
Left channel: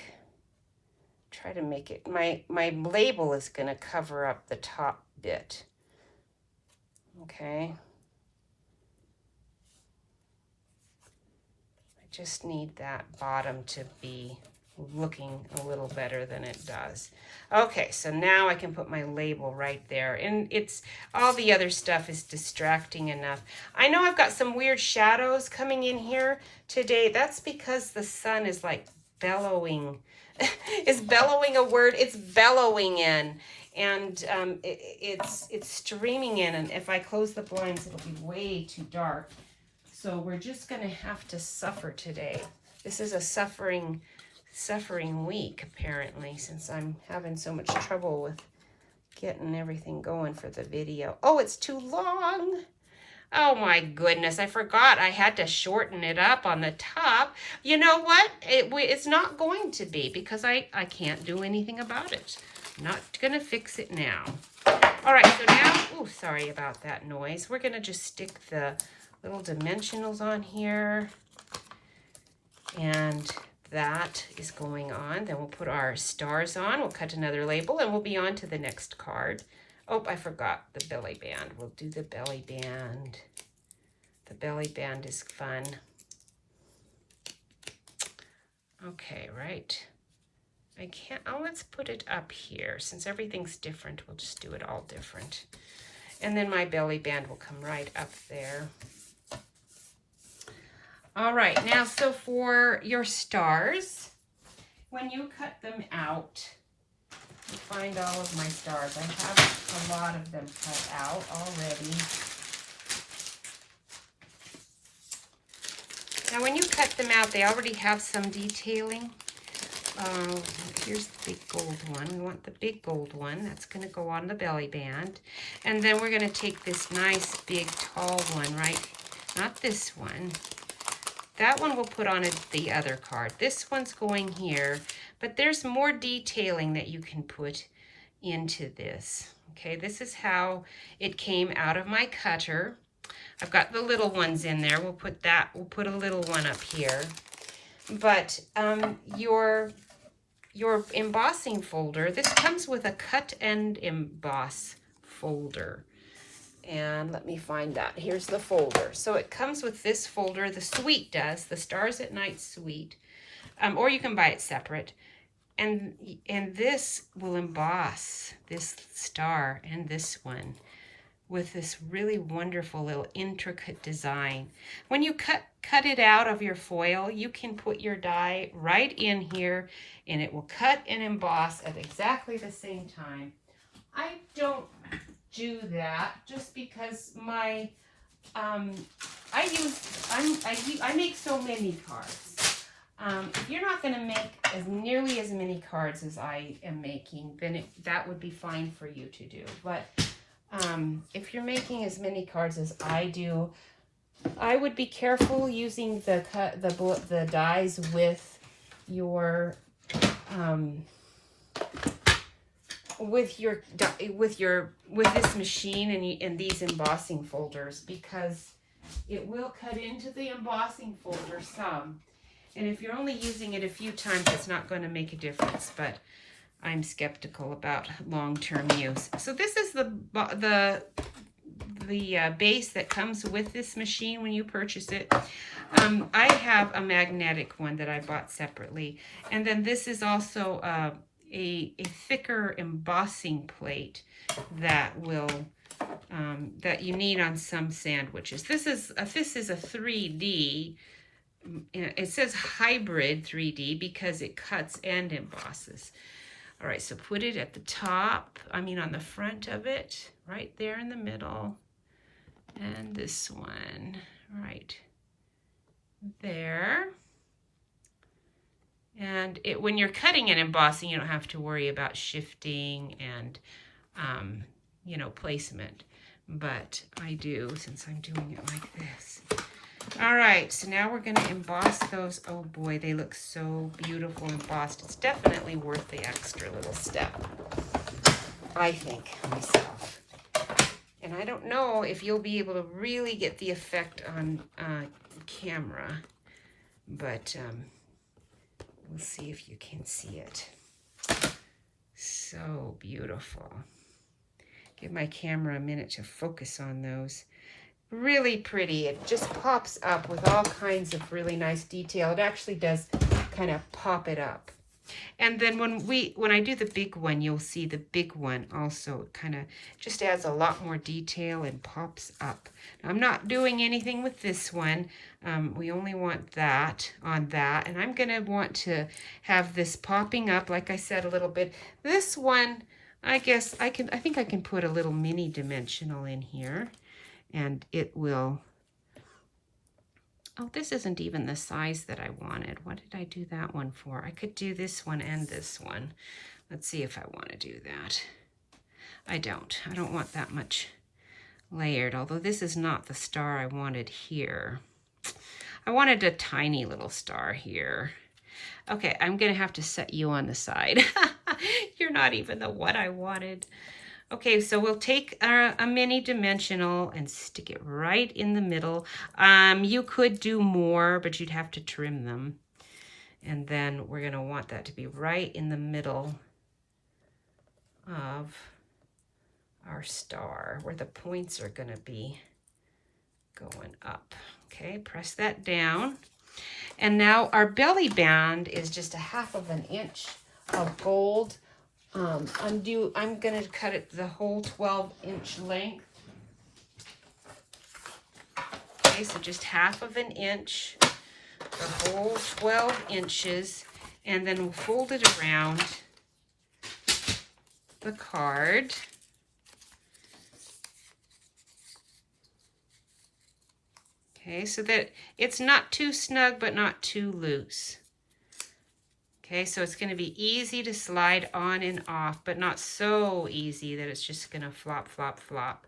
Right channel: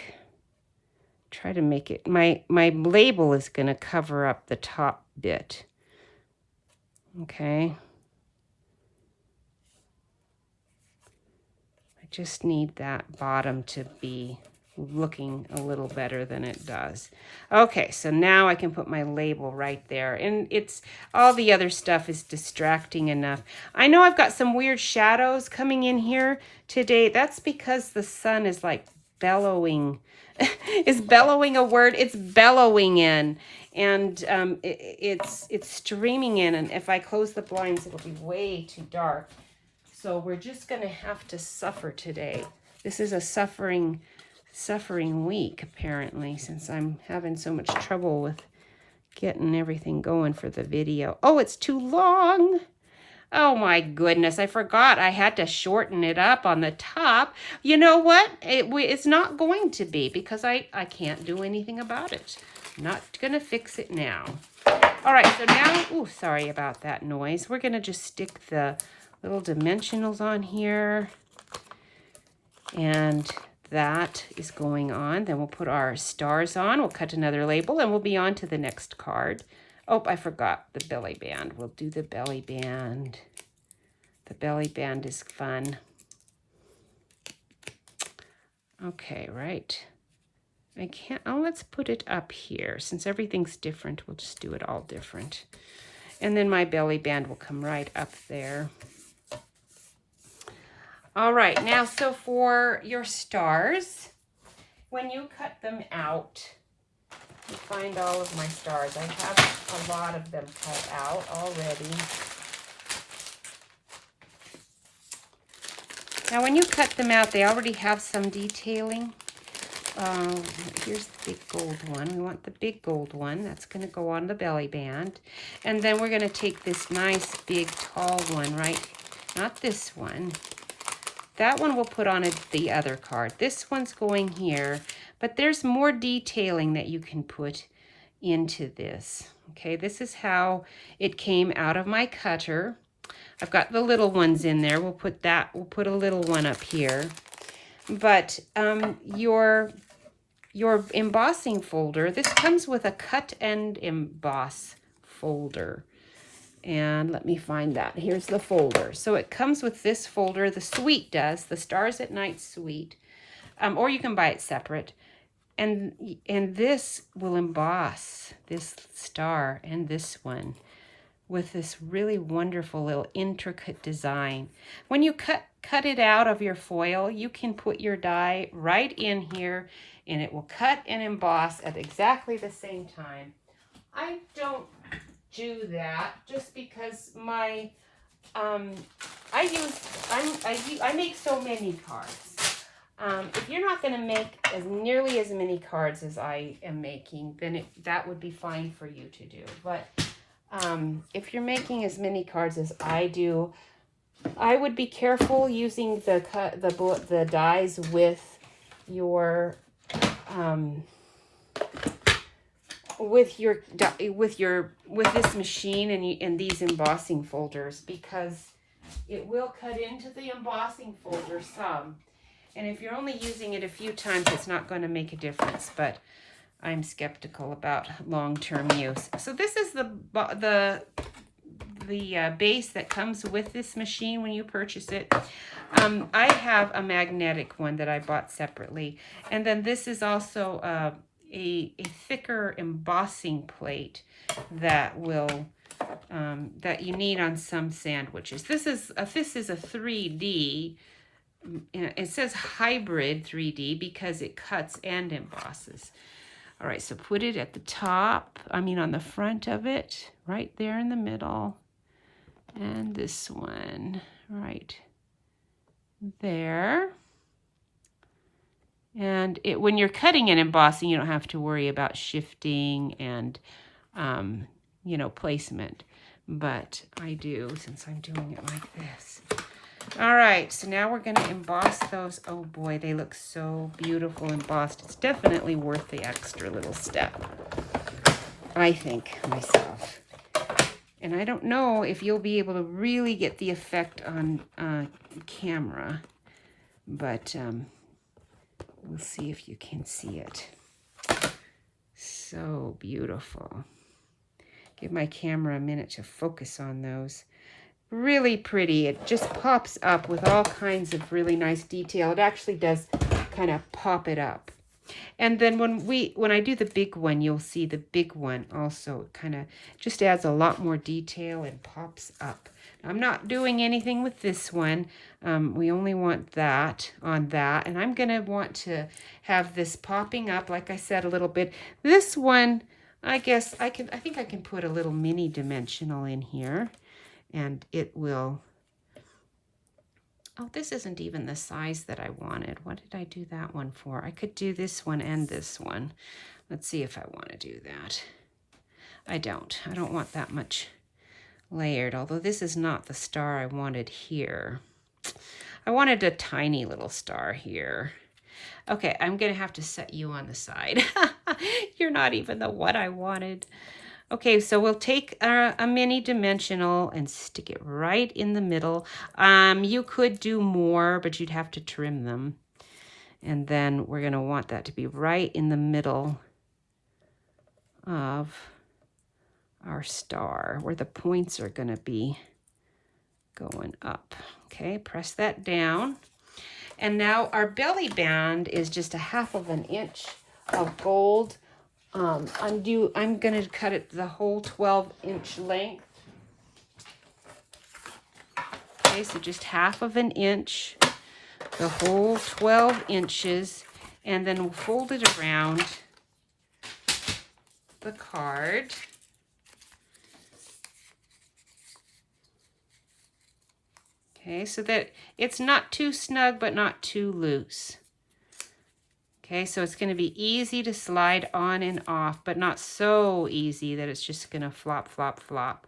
try to make it, my label is gonna cover up the top bit. Okay. I just need that bottom to be looking a little better than it does. Okay, so now I can put my label right there, and it's all the other stuff is distracting enough. I know I've got some weird shadows coming in here today. That's because the sun is like bellowing. Is bellowing a word? It's bellowing in, and it's streaming in, and if I close the blinds it'll be way too dark. So we're just gonna have to suffer today. This is a suffering week, apparently, since I'm having so much trouble with getting everything going for the video. Oh, it's too long. Oh my goodness, I forgot I had to shorten it up on the top. You know what? It's not going to be because I can't do anything about it. Not gonna fix it now. All right, so now, oh, sorry about that noise. We're gonna just stick the little dimensionals on here. And that is going on. Then we'll put our stars on. We'll cut another label and we'll be on to the next card. Oh, I forgot the belly band. We'll do the belly band. The belly band is fun. Okay, right. I can't, oh, let's put it up here. Since everything's different, we'll just do it all different. And then my belly band will come right up there. All right, now, so for your stars, when you cut them out, find all of my stars. I have a lot of them cut out already. Now, when you cut them out, they already have some detailing. Here's the big gold one. We want the big gold one. That's going to go on the belly band. And then we're going to take this nice, big, tall one, right? Not this one. That one we'll put on the other card. This one's going here. But there's more detailing that you can put into this. Okay, this is how it came out of my cutter. I've got the little ones in there. We'll put a little one up here. But your embossing folder, this comes with a cut and emboss folder. And let me find that. Here's the folder. So it comes with this folder. The suite does, the Stars at Night suite. Or you can buy it separate. And this will emboss this star and this one with this really wonderful little intricate design. When you cut it out of your foil, you can put your die right in here and it will cut and emboss at exactly the same time. I don't do that just because my I make so many cards. If you're not going to make nearly as many cards as I am making, then that would be fine for you to do. But if you're making as many cards as I do, I would be careful using the dies with your with this machine and these embossing folders, because it will cut into the embossing folder some. And if you're only using it a few times, it's not going to make a difference. But I'm skeptical about long-term use. So this is the base that comes with this machine when you purchase it. I have a magnetic one that I bought separately. And then this is also a thicker embossing plate that will that you need on some sandwiches. This is a 3D. It says hybrid 3D because it cuts and embosses. All right, so put it at the top, on the front of it, right there in the middle. And this one right there. And when you're cutting and embossing, you don't have to worry about shifting and, you know, placement. But I do since I'm doing it like this. All right, so now we're going to emboss those. Oh boy, they look so beautiful embossed. It's definitely worth the extra little step, I think, myself. And I don't know if you'll be able to really get the effect on camera, but we'll see if you can see it. So beautiful. Give my camera a minute to focus on those. Really pretty. It just pops up with all kinds of really nice detail. It actually does kind of pop it up. And then when I do the big one, you'll see the big one also kind of just adds a lot more detail and pops up. Now, I'm not doing anything with this one. We only want that on that. And I'm going to want to have this popping up, like I said, a little bit. This one, I guess I think I can put a little mini dimensional in here. And it will, oh, this isn't even the size that I wanted. What did I do that one for? I could do this one and this one. Let's see if I want to do that. I don't want that much layered, although this is not the star I wanted here. I wanted a tiny little star here. Okay, I'm gonna have to set you on the side. You're not even the one I wanted. Okay, so we'll take a mini dimensional and stick it right in the middle. You could do more, but you'd have to trim them. And then we're going to want that to be right in the middle of our star, where the points are going to be going up. Okay, press that down. And now our belly band is just 1/2 inch of gold. I'm going to cut it the whole 12-inch length. Okay, so just 1/2 inch, the whole 12 inches, and then we'll fold it around the card. Okay, so that it's not too snug, but not too loose. Okay, so it's going to be easy to slide on and off, but not so easy that it's just going to flop, flop, flop.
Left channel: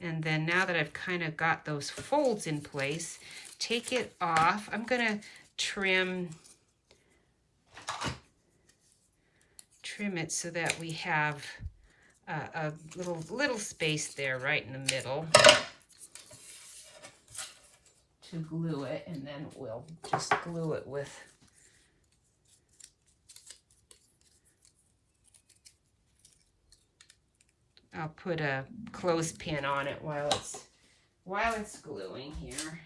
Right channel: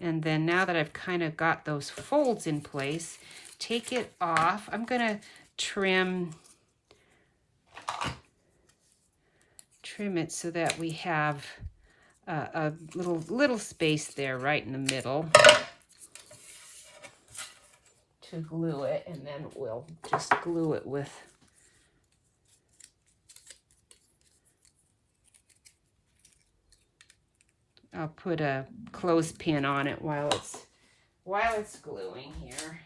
And then now that I've kind of got those folds in place, take it off. I'm going to trim it so that we have a little space there right in the middle to glue it, and then we'll just glue it with I'll put a clothespin on it while it's gluing here.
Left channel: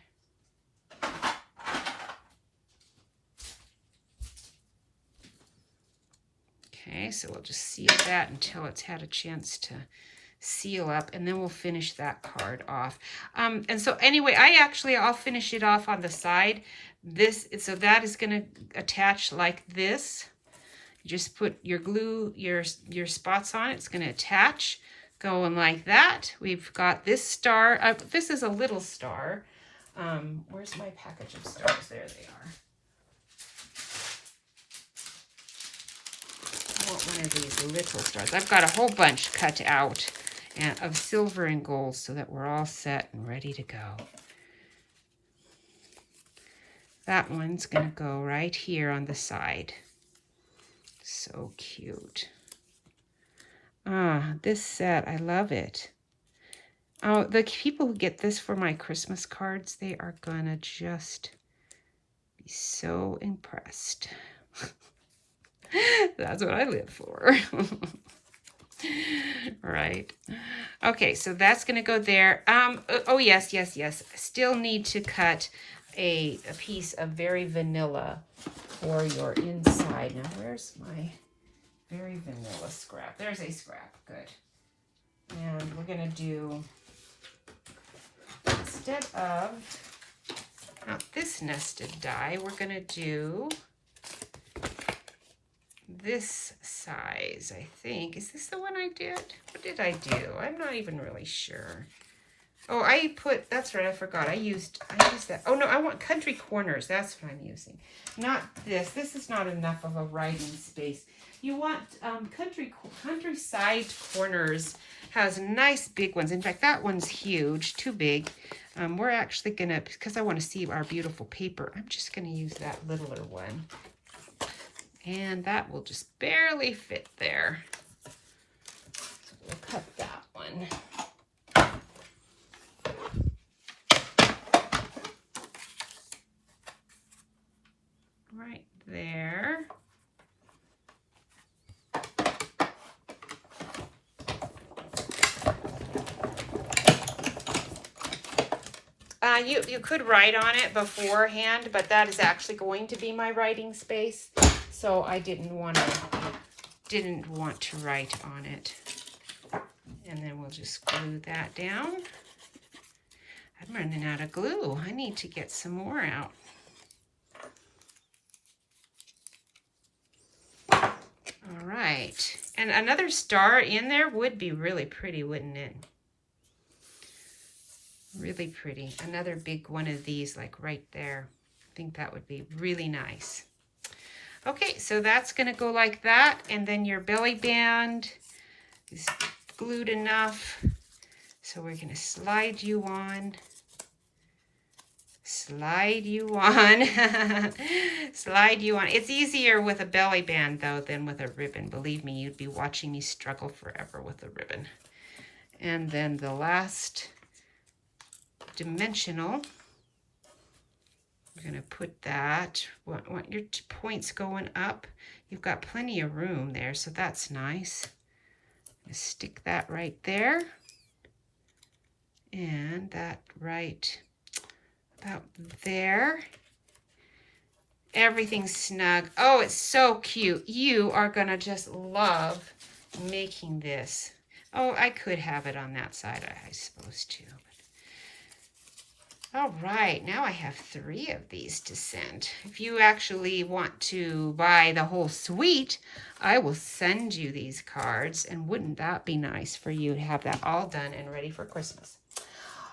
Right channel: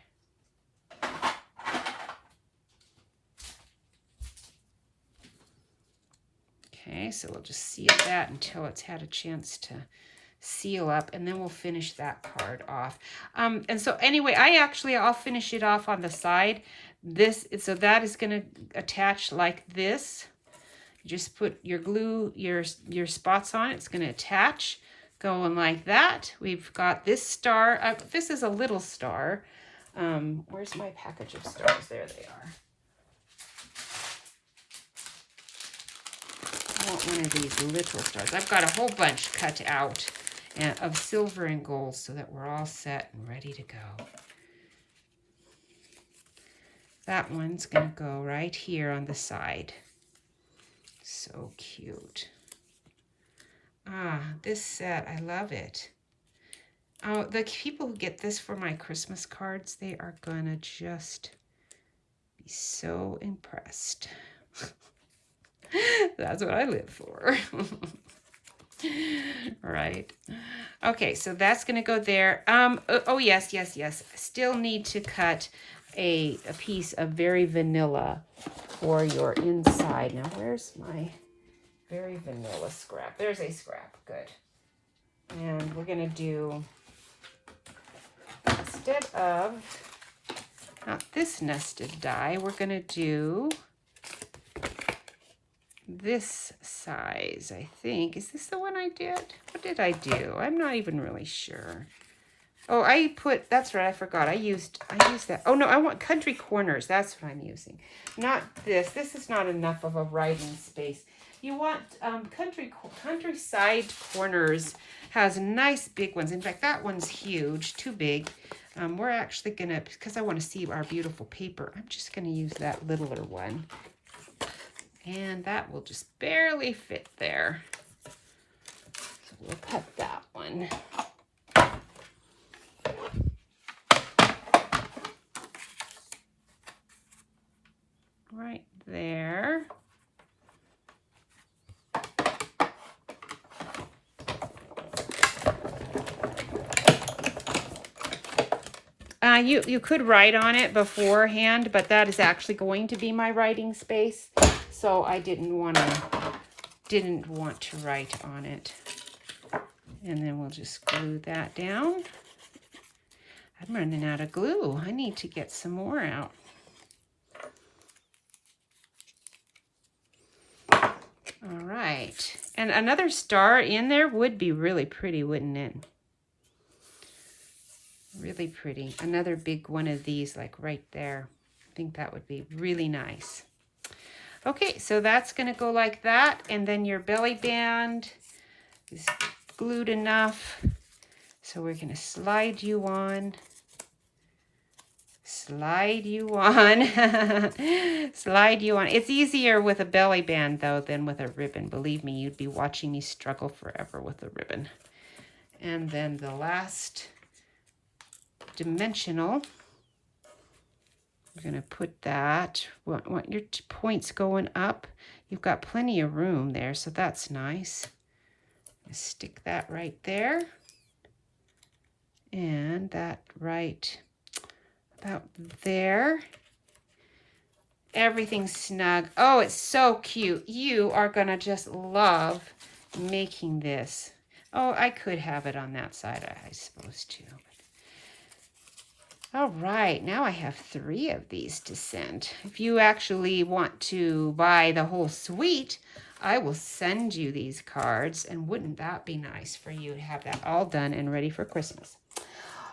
Okay, so we'll just seal that until it's had a chance to seal up, and then we'll finish that card off. And so anyway, I'll finish it off on the side. So that is going to attach like this. Just put your glue, your spots on it. It's going to attach. Going like that. We've got this star. This is a little star. Where's my package of stars? There they are. I want one of these little stars. I've got a whole bunch cut out of silver and gold so that we're all set and ready to go. That one's going to go right here on the side. So cute. This set, I love it. Oh, the people who get this for my Christmas cards, they are gonna just be so impressed. That's what I live for. Right. Okay, so that's gonna go there. Oh yes. Still need to cut a piece of very vanilla for your inside. Now where's my very vanilla scrap? There's a scrap. Good. And we're going to do, instead of, not this nested die, we're going to do this size, I think. Is this the one I did? What did I do? I'm not even really sure. Oh, that's right, I forgot. I used that. Oh no, I want country corners. That's what I'm using. Not this. This is not enough of a writing space. You want countryside corners has nice big ones. In fact, that one's huge, too big. We're actually gonna, because I want to see our beautiful paper, I'm just gonna use that littler one. And that will just barely fit there. So we'll cut that one. Right there. You could write on it beforehand, but that is actually going to be my writing space, so I didn't want to write on it. And then we'll just glue that down. I'm running out of glue. I need to get some more out. All right, and another star in there would be really pretty, wouldn't it? Really pretty. Another big one of these, like right there. I think that would be really nice. Okay, so that's going to go like that, and then your belly band is glued enough. So we're going to slide you on. Slide you on. Slide you on. It's easier with a belly band, though, than with a ribbon. Believe me, you'd be watching me struggle forever with a ribbon. And then the last dimensional, we're going to put that, want your points going up. You've got plenty of room there, so that's nice. Stick that right there, and that right about there. Everything's snug. Oh, it's so cute. You are going to just love making this. Oh, I could have it on that side, I suppose, too. All right, now I have 3 of these to send. If you actually want to buy the whole suite, I will send you these cards, and wouldn't that be nice for you to have that all done and ready for Christmas?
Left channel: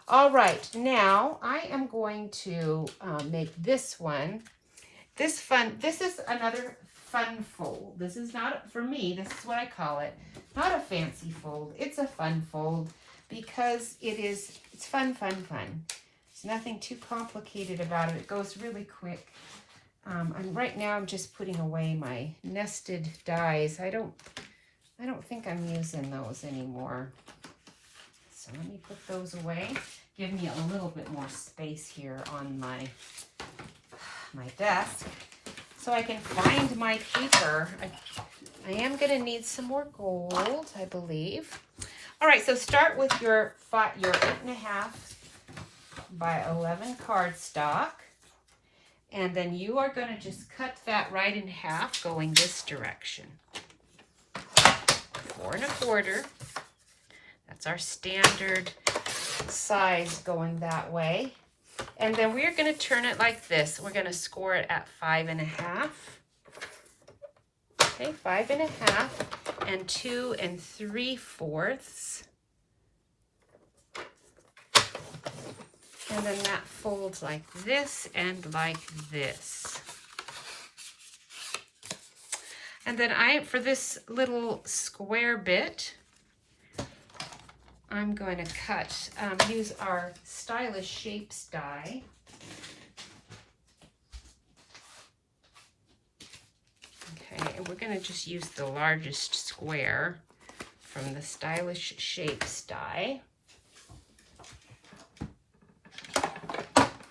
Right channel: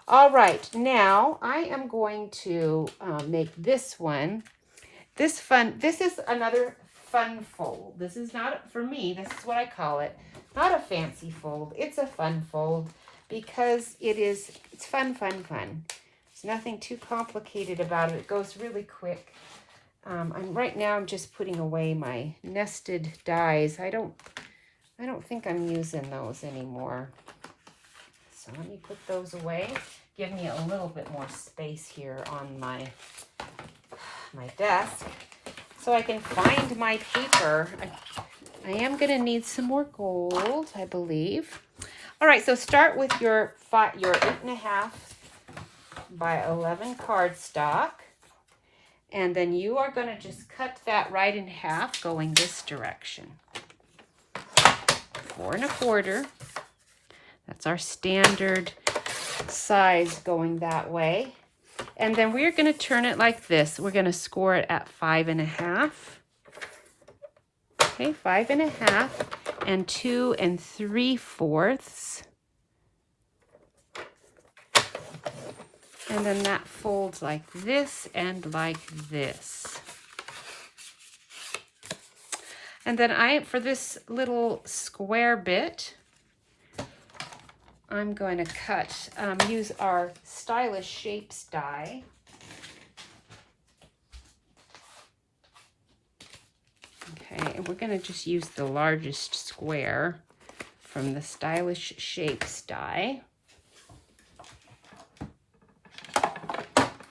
All right, now I am going to make this one. This is another fun fold. This is not, for me, this is what I call it, not a fancy fold. It's a fun fold because it's fun, fun, fun. There's nothing too complicated about it. It goes really quick. Right now I'm just putting away my nested dies. I don't think I'm using those anymore. So let me put those away. Give me a little bit more space here on my desk so I can find my paper. I am going to need some more gold, I believe. All right, so start with your 8.5 by 11 cardstock, and then you are going to just cut that right in half going this direction. 4 1/4. That's our standard size going that way. And then we're going to turn it like this. We're going to score it at 5 1/2. Okay, 5 1/2 and 2 3/4. And then that folds like this and like this. And then for this little square bit, I'm going to use our Stylish Shapes die. Okay, and we're going to just use the largest square from the Stylish Shapes die.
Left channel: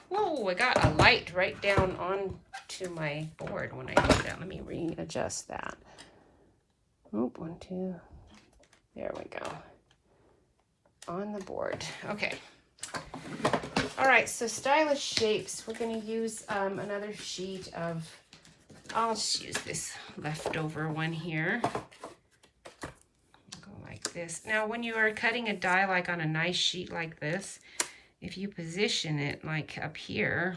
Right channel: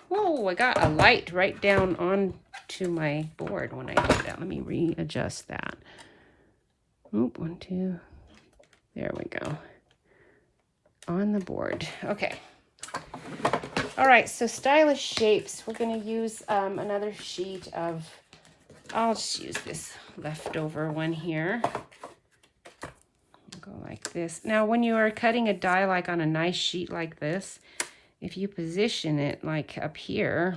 Whoa, I got a light right down onto my board when I did that. Let me readjust that. Oop, 1, 2. There we go. On the board. Okay. All right, so Stylish Shapes. We're going to use another sheet of, I'll just use this leftover one here. Go like this. Now, when you are cutting a die like on a nice sheet like this, if you position it like up here,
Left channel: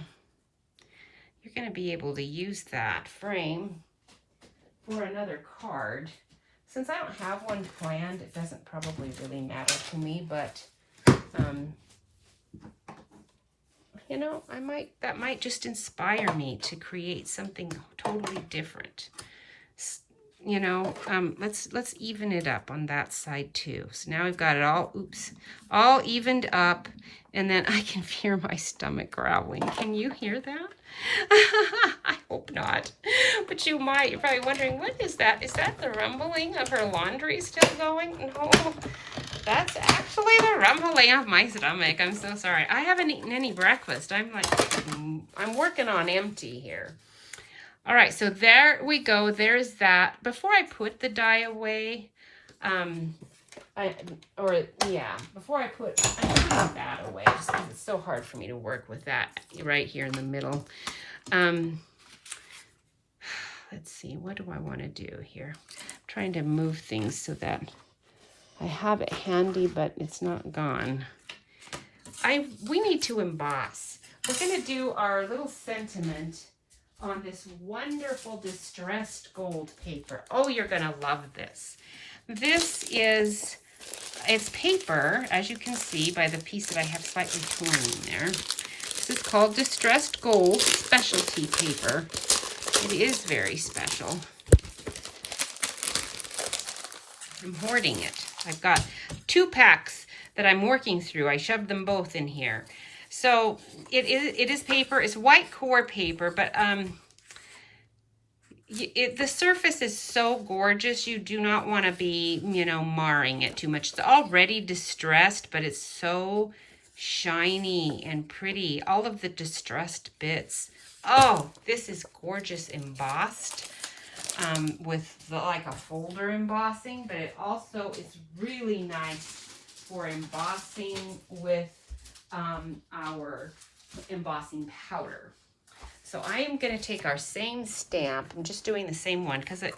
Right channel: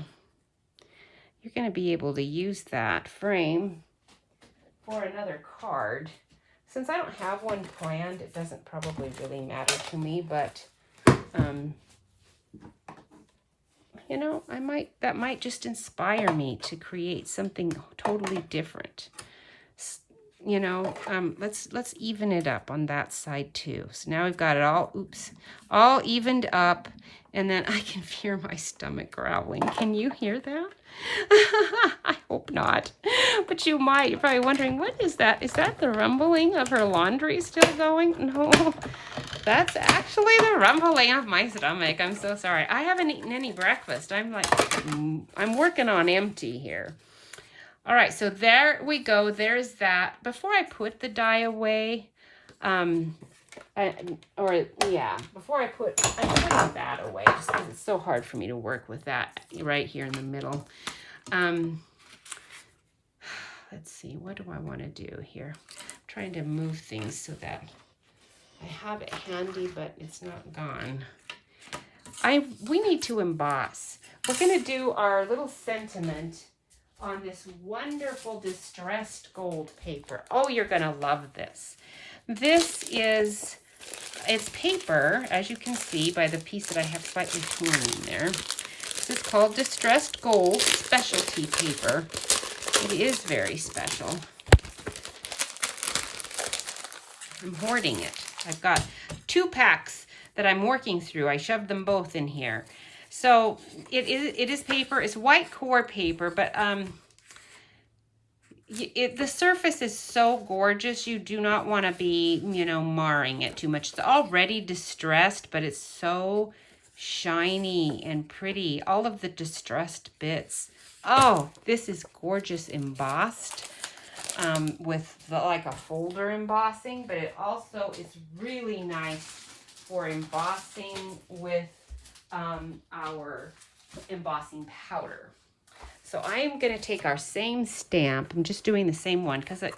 you're going to be able to use that frame for another card. Since I don't have one planned, it doesn't probably really matter to me, but you know, that might just inspire me to create something totally different. You know, let's even it up on that side too. So now we've got it all evened up, and then I can hear my stomach growling. Can you hear that? I hope not, but you might. You're probably wondering, what is that? Is that the rumbling of her laundry still going? No, that's actually the rumbling of my stomach. I'm so sorry. I haven't eaten any breakfast. I'm working on empty here. All right, so there we go. There's that. Before I put the dye away, I'm putting that away just because it's so hard for me to work with that right here in the middle. Let's see, what do I want to do here? I'm trying to move things so that I have it handy, but it's not gone. We need to emboss. We're going to do our little sentiment on this wonderful distressed gold paper. Oh, you're going to love this. It's paper, as you can see by the piece that I have slightly torn in there. This is called distressed gold specialty paper. It is very special. I'm hoarding it. I've got 2 packs that I'm working through. I shoved them both in here. So it is paper. It's white core paper, but the surface is so gorgeous. You do not want to be, you know, marring it too much. It's already distressed, but it's so shiny and pretty. All of the distressed bits. Oh, this is gorgeous embossed with like a folder embossing, but it also is really nice for embossing with our embossing powder. So I am going to take our same stamp. I'm just doing the same one because it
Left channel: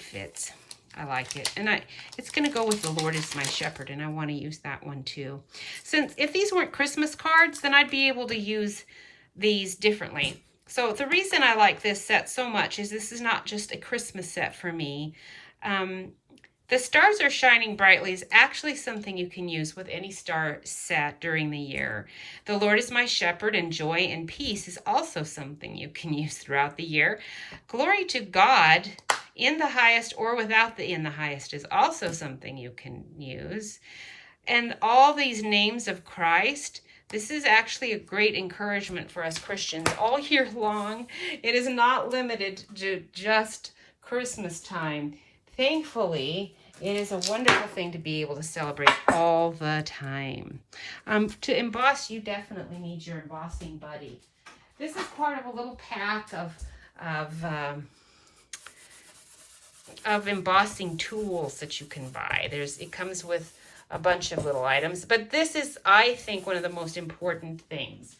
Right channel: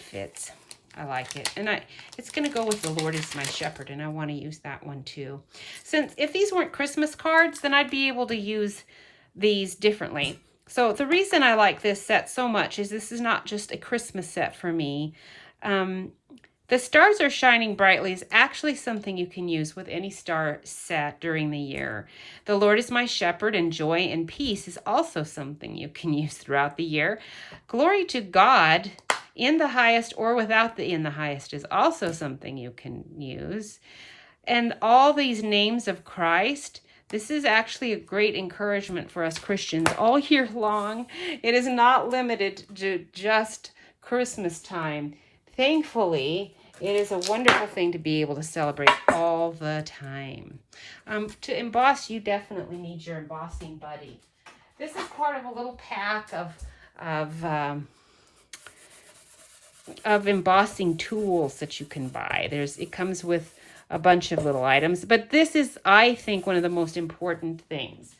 fits. I like it. And it's going to go with The Lord is My Shepherd, and I want to use that one too. Since if these weren't Christmas cards, then I'd be able to use these differently. So the reason I like this set so much is this is not just a Christmas set for me. The Stars Are Shining Brightly is actually something you can use with any star set during the year. The Lord is My Shepherd and Joy and Peace is also something you can use throughout the year. Glory to God in the highest or without the in the highest is also something you can use. And all these names of Christ, this is actually a great encouragement for us Christians all year long. It is not limited to just Christmas time. Thankfully, it is a wonderful thing to be able to celebrate all the time. To emboss, you definitely need your embossing buddy. This is part of a little pack of embossing tools that you can buy. It comes with a bunch of little items, but this is, I think, one of the most important things.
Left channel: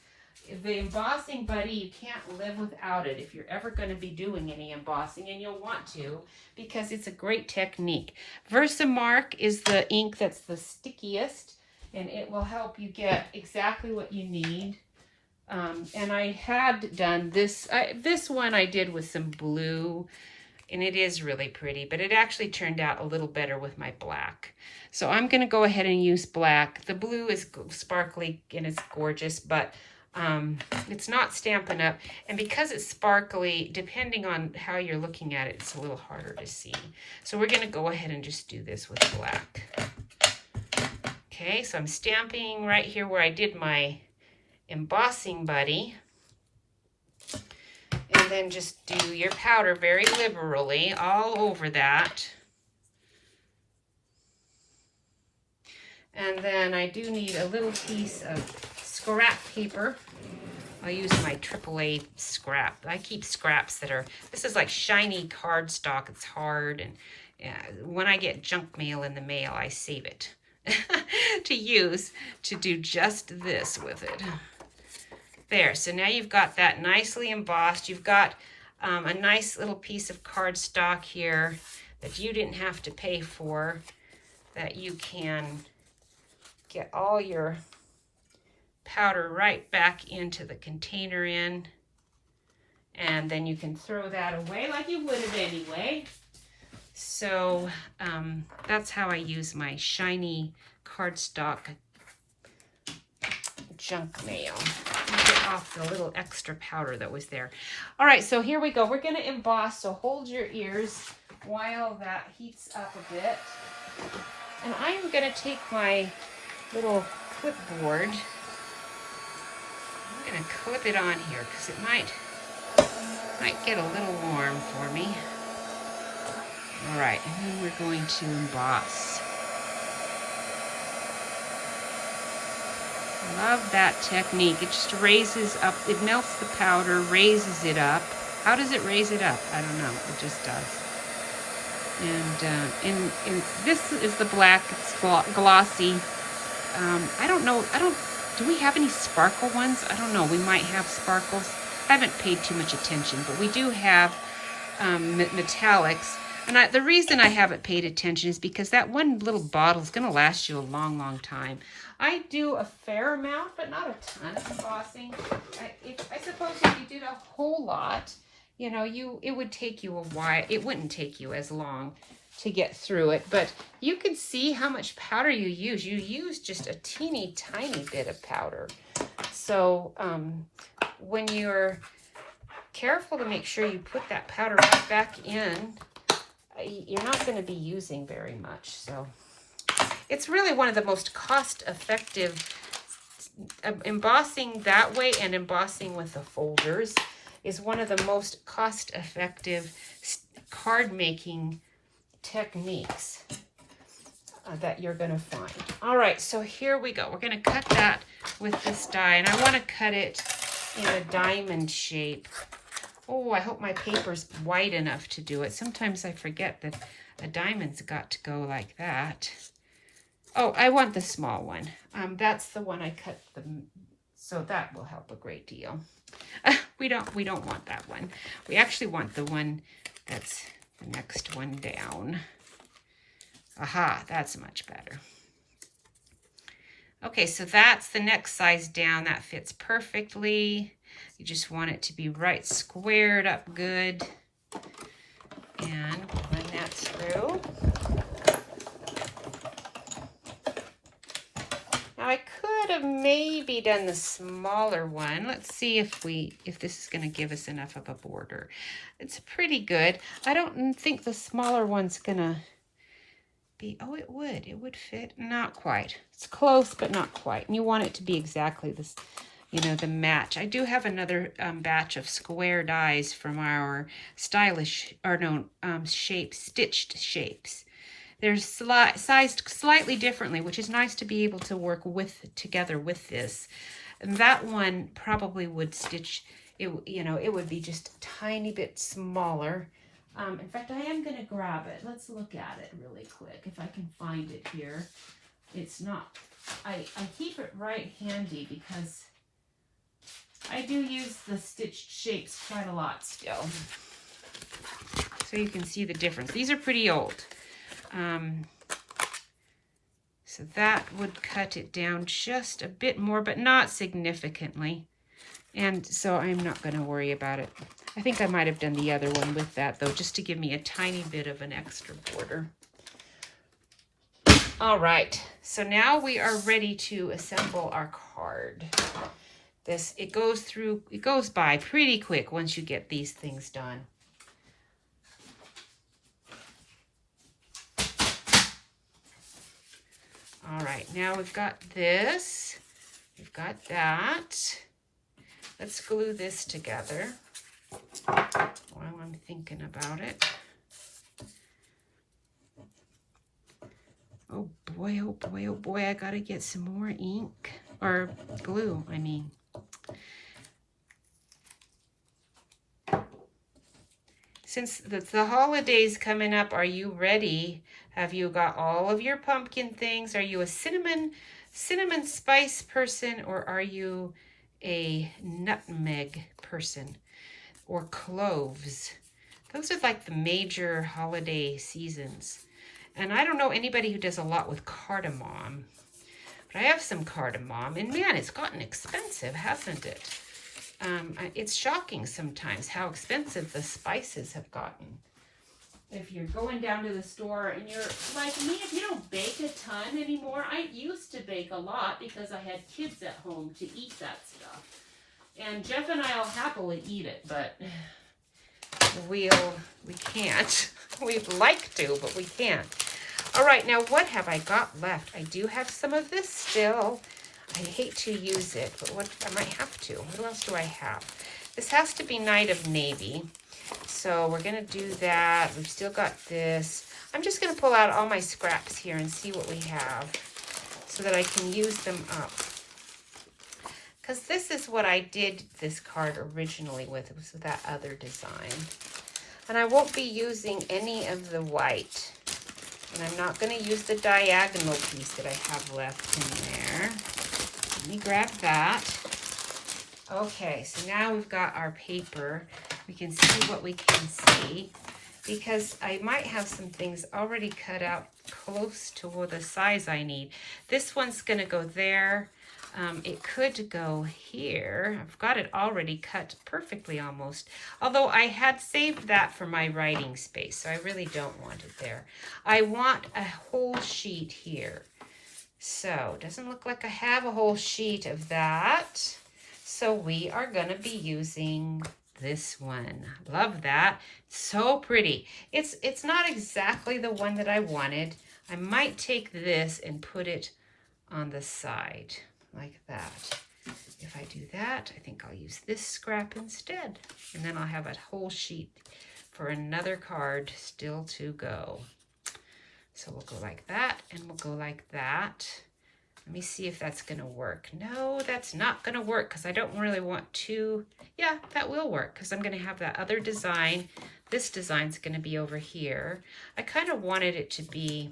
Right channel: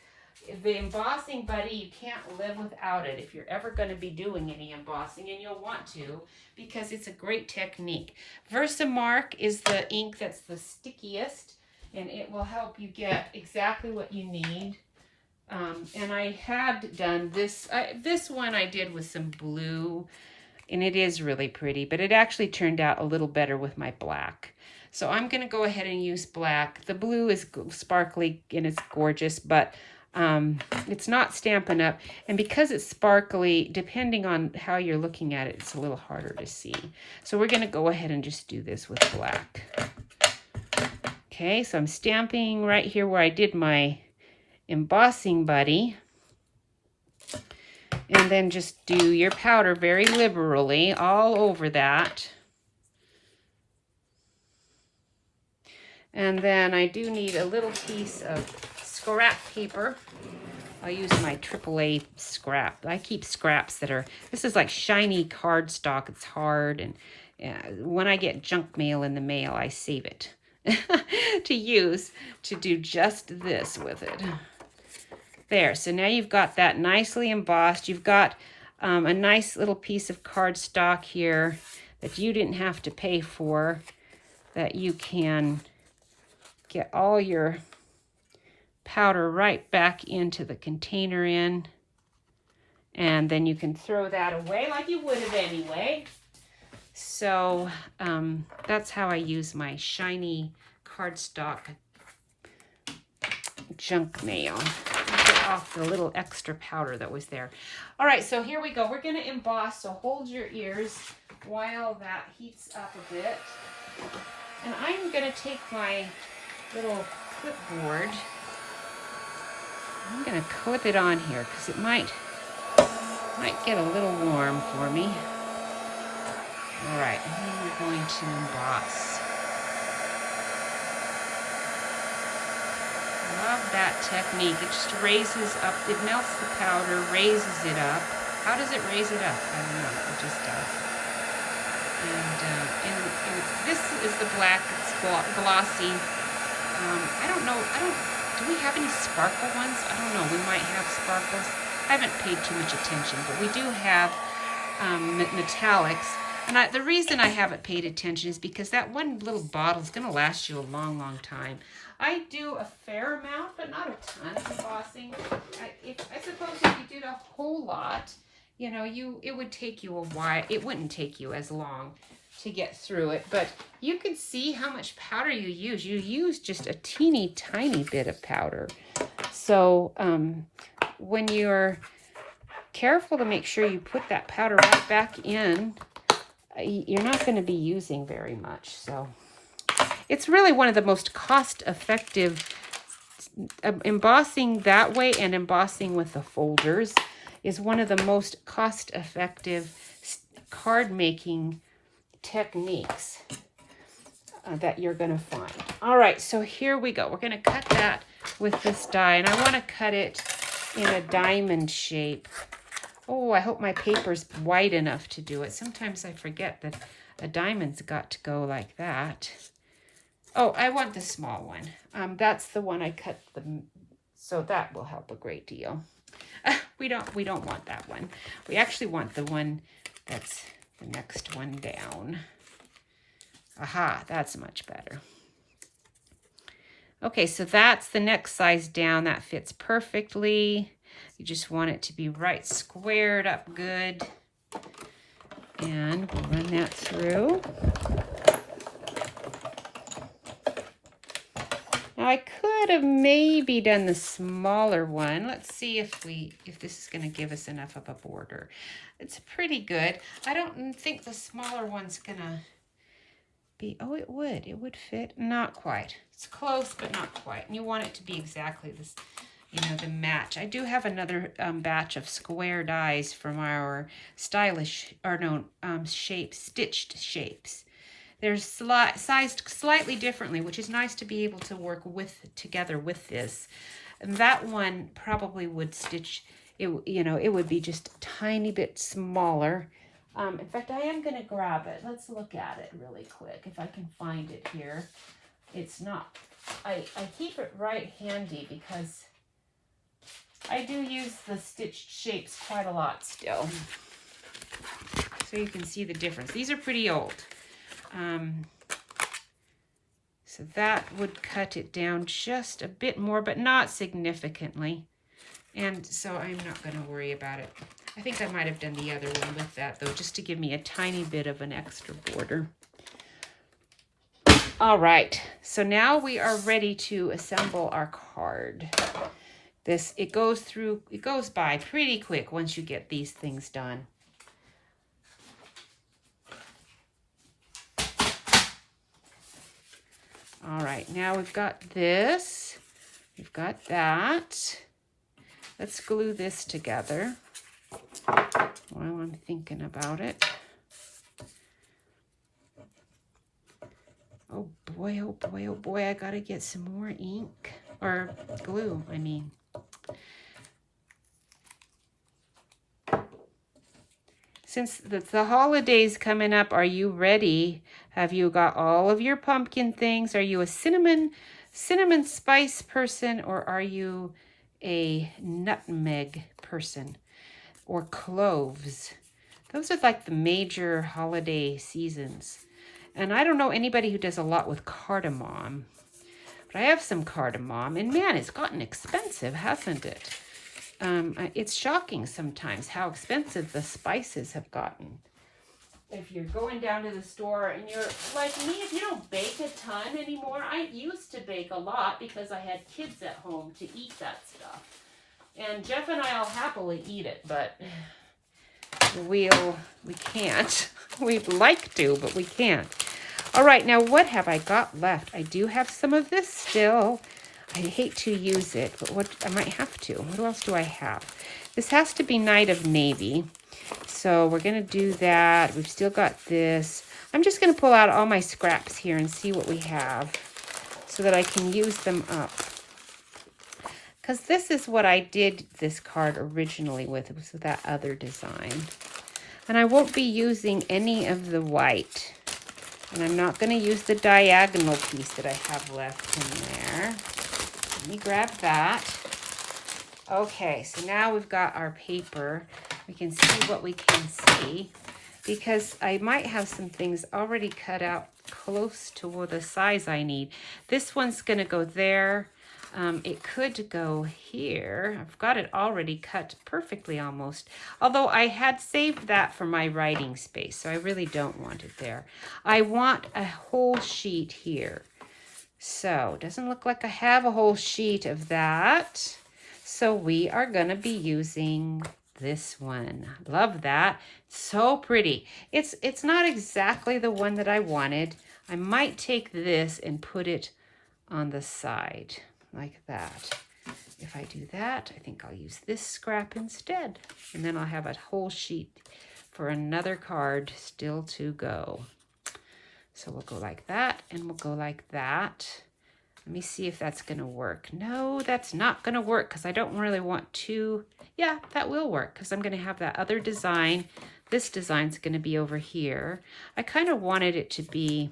The embossing buddy, you can't live without it if you're ever going to be doing any embossing, and you'll want to because it's a great technique. Versamark is the ink that's the stickiest, and it will help you get exactly what you need. And I had done this. This one I did with some blue, and it is really pretty, but it actually turned out a little better with my black. So I'm going to go ahead and use black. The blue is sparkly and it's gorgeous, but it's not Stampin' Up. And because it's sparkly, depending on how you're looking at it, it's a little harder to see. So we're going to go ahead and just do this with black. Okay, so I'm stamping right here where I did my embossing buddy. And then just do your powder very liberally all over that. And then I do need a little piece of scrap paper. I'll use my AAA scrap. I keep scraps that are, this is like shiny cardstock. It's hard, and when I get junk mail in the mail, I save it to use to do just this with it. There, so now you've got that nicely embossed. You've got a nice little piece of cardstock here that you didn't have to pay for, that you can get all your powder right back into the container in, and then you can throw that away like you would it anyway. So that's how I use my shiny cardstock junk mail. off the little extra powder that was there. All right, so here we go. We're going to emboss, so hold your ears while that heats up a bit. And I'm going to take my little clipboard. I'm going to clip it on here because it might get a little warm for me. All right, and then we're going to emboss. Love that technique. It just raises up, it melts the powder, raises it up. How does it raise it up? I don't know, it just does. And this is the black, it's glossy. I don't know, do we have any sparkle ones? I don't know, we might have sparkles. I haven't paid too much attention, but we do have metallics. And the reason I haven't paid attention is because that one little bottle is going to last you a long, long time. I do a fair amount, but not a ton of embossing. I suppose if you did a whole lot, you know, it would take you a while. It wouldn't take you as long to get through it, but you can see how much powder you use. You use just a teeny tiny bit of powder. So when you're careful to make sure you put that powder right back in, you're not going to be using very much. So it's really one of the most cost-effective, embossing that way and embossing with the folders is one of the most cost-effective card making techniques that you're going to find. All right, so here we go. We're going to cut that with this die, and I want to cut it in a diamond shape. Oh, I hope my paper's wide enough to do it. Sometimes I forget that a diamond's got to go like that. Oh, I want the small one. That's the one I cut so that will help a great deal. We don't want that one. We actually want the one that's the next one down. Aha, that's much better. Okay, so that's the next size down. That fits perfectly. You just want it to be right squared up good. And run that through. Now I could have maybe done the smaller one. Let's see if this is going to give us enough of a border. It's pretty good. I don't think the smaller one's going to be, oh, it would fit. Not quite. It's close, but not quite. And you want it to be exactly this, you know, the match. I do have another batch of square dies from our stylish, or no, stitched shapes. They're sized slightly differently, which is nice to be able to work together with this. And that one probably would stitch, it, you know, it would be just a tiny bit smaller. In fact, I am going to grab it. Let's look at it really quick, if I can find it here. It's not, I keep it right handy because I do use the stitched shapes quite a lot still. So you can see the difference. These are pretty old. So that would cut it down just a bit more, but not significantly. And so I'm not going to worry about it. I think I might have done the other one with that, though, just to give me a tiny bit of an extra border. All right, so now we are ready to assemble our card. It goes by pretty quick once you get these things done. All right, now we've got this, we've got that. Let's glue this together while I'm thinking about it. Oh boy, oh boy, oh boy, I gotta get some more ink, or glue, I mean. Since the holidays coming up, are you ready? Have you got all of your pumpkin things? Are you a cinnamon spice person, or are you a nutmeg person, or cloves? Those are like the major holiday seasons. And I don't know anybody who does a lot with cardamom, but I have some cardamom, and man, it's gotten expensive, hasn't it? It's shocking sometimes how expensive the spices have gotten. If you're going down to the store and you're like me, if you don't bake a ton anymore, I used to bake a lot because I had kids at home to eat that stuff. And Jeff and I will happily eat it, but we can't. We'd like to, but we can't. All right, now what have I got left? I do have some of this still. I hate to use it, but what I might have to. What else do I have? This has to be Night of Navy. So we're going to do that. We've still got this. I'm just going to pull out all my scraps here and see what we have so that I can use them up. Because this is what I did this card originally with. It was with that other design. And I won't be using any of the white. And I'm not going to use the diagonal piece that I have left in there. Let me grab that. Okay, so now we've got our paper. We can see what we can see. Because I might have some things already cut out close to the size I need. This one's going to go there. It could go here. I've got it already cut perfectly almost. Although I had saved that for my writing space, so I really don't want it there. I want a whole sheet here. So, doesn't look like I have a whole sheet of that. So we are going to be using this one. Love that. So pretty. It's not exactly the one that I wanted. I might take this and put it on the side like that. If I do that, I think I'll use this scrap instead. And then I'll have a whole sheet for another card still to go. So we'll go like that, and we'll go like that. Let me see if that's going to work. No, that's not going to work because I don't really want to. Yeah, that will work because I'm going to have that other design. This design's going to be over here. I kind of wanted it to be,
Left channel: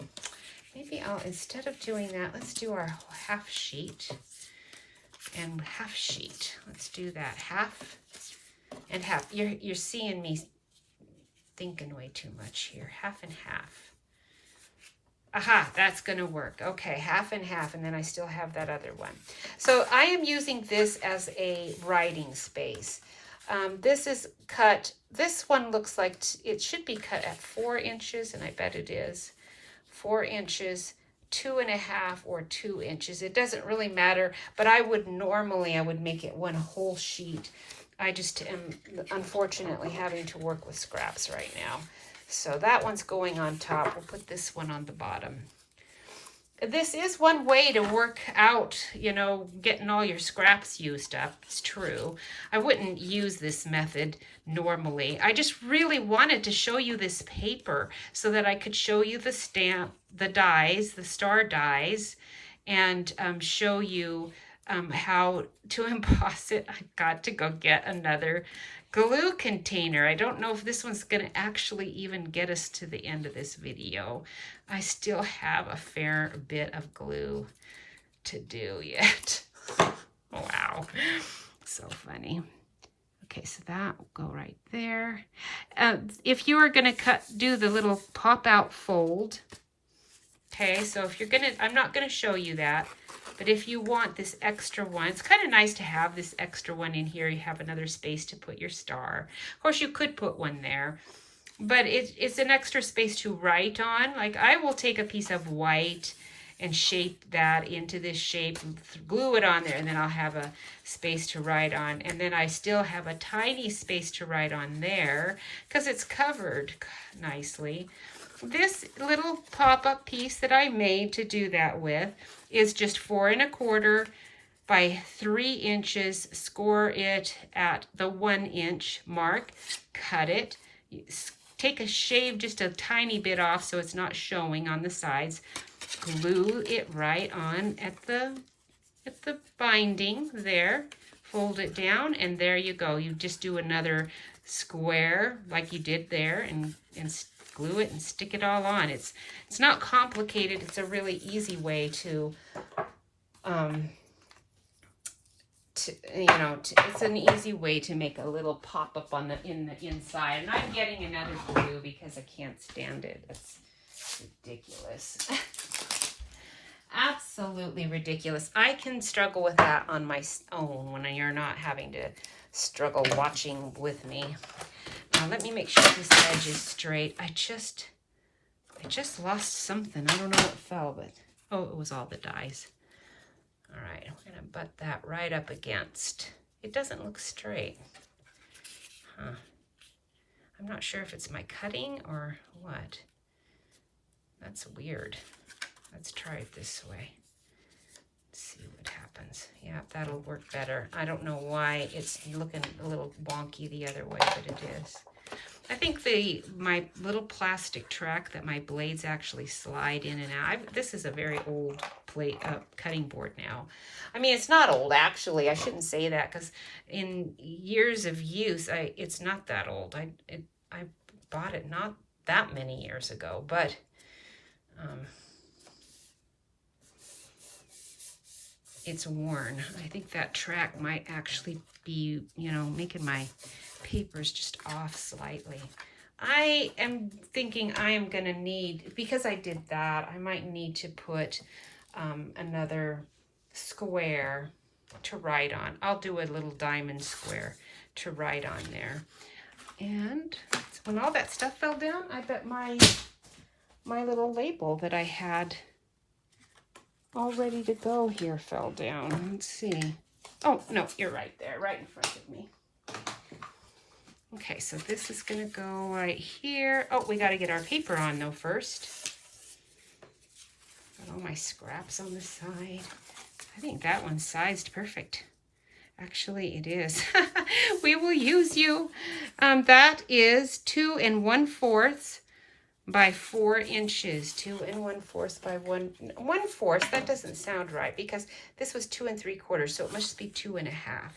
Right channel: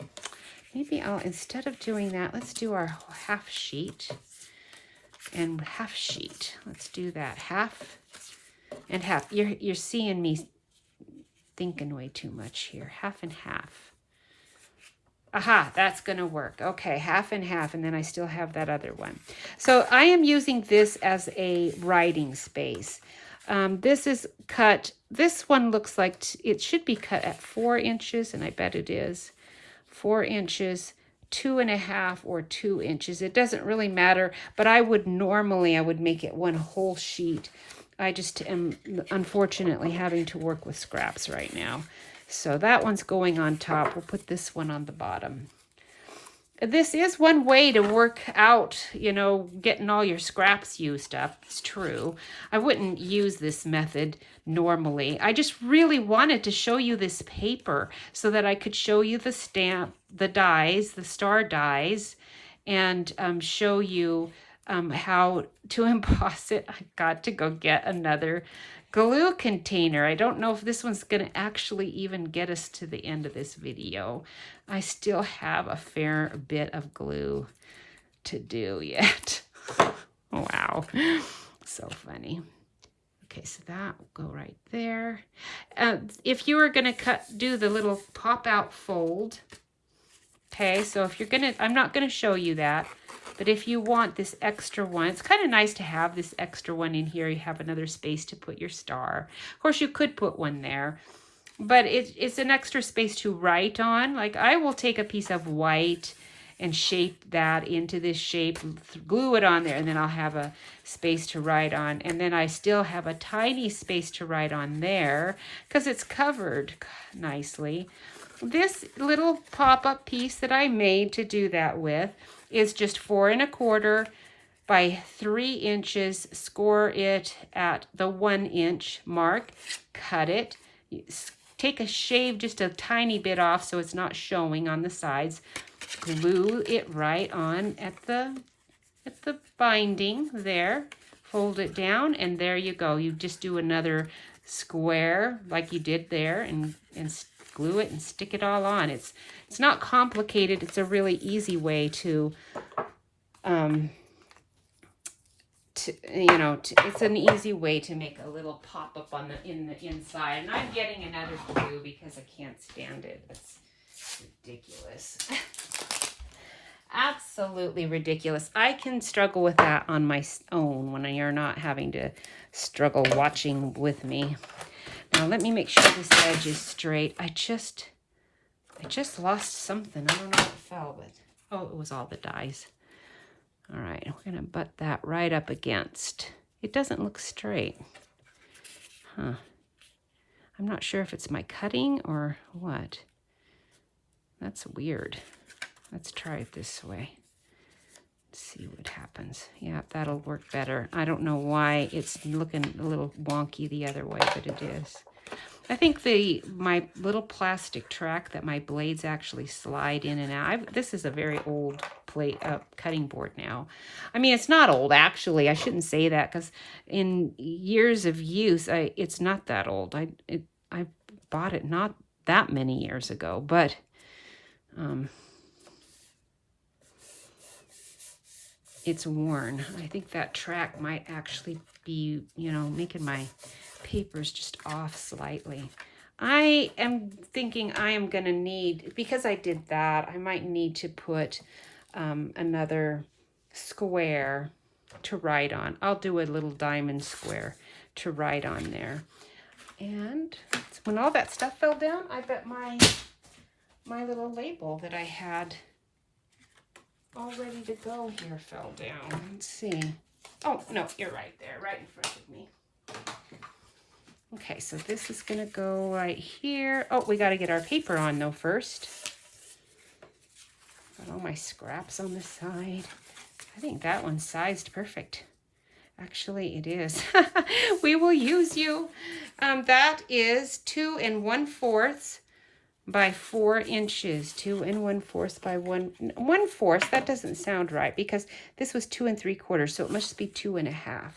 maybe I'll, instead of doing that, let's do our half sheet and half sheet. Let's do that, half and half. You're seeing me thinking way too much here. Half and half. Aha, that's going to work. Okay, half and half, and then I still have that other one. So I am using this as a writing space. This is cut, this one looks like it should be cut at 4 inches, and I bet it is. 4 inches, 2.5 or 2 inches. It doesn't really matter, but I would make it one whole sheet. I just am unfortunately having to work with scraps right now. So that one's going on top. We'll put this one on the bottom. This is one way to work out, you know, getting all your scraps used up. It's true. I wouldn't use this method normally. I just really wanted to show you this paper so that I could show you the stamp, the dies, the star dies, and show you how to emboss it. I got to go get another glue container. I don't know if this one's going to actually even get us to the end of this video. I still have a fair bit of glue to do yet. Wow, so funny. Okay, so that will go right there. If you are going to do the little pop out fold, okay, so if you're going to, I'm not going to show you that, but if you want this extra one, it's kind of nice to have this extra one in here. You have another space to put your star. Of course, you could put one there, but it's an extra space to write on. Like I will take a piece of white and shape that into this shape, glue it on there, and then I'll have a space to write on. And then I still have a tiny space to write on there because it's covered nicely. This little pop-up piece that I made to do that with is just 4 1/4 by 3 inches. Score it at the 1 inch mark. Cut it. Take a shave just a tiny bit off so it's not showing on the sides. Glue it right on at the binding there. Fold it down, and there you go. You just do another square like you did there, and glue it and stick it all on. It's not complicated. It's a really easy way to it's an easy way to make a little pop-up on the inside. And I'm getting another glue because I can't stand it. It's ridiculous. Absolutely ridiculous. I can struggle with that on my own when you're not having to struggle watching with me. Now let me make sure this edge is straight. I just lost something. I don't know what fell, but oh, it was all the dies. All right, we're gonna butt that right up against. It doesn't look straight. Huh. I'm not sure if it's my cutting or what. That's weird. Let's try it this way. Let's see what happens. Yeah, that'll work better. I don't know why it's looking a little wonky the other way, but it is. I think my little plastic track that my blades actually slide in and out. This is a very old cutting board now. I mean, it's not old actually. I shouldn't say that because in years of use, it's not that old. I bought it not that many years ago, but it's worn. I think that track might actually be, you know, making my papers just off slightly. I am thinking I am going to need, because I did that, I might need to put another square to write on. I'll do a little diamond square to write on there. And when all that stuff fell down, I bet my little label that I had all ready to go here fell down. Let's see. Oh, no, you're right there, right in front of me. Okay, so this is going to go right here. Oh, we got to get our paper on, though, first. Got all my scraps on the side. I think that one's sized perfect. Actually, it is. We will use you. That is 2 1/4 by 4 inches. 2 1/4 by 1/4. That doesn't sound right because this was 2 3/4, so it must be 2 1/2.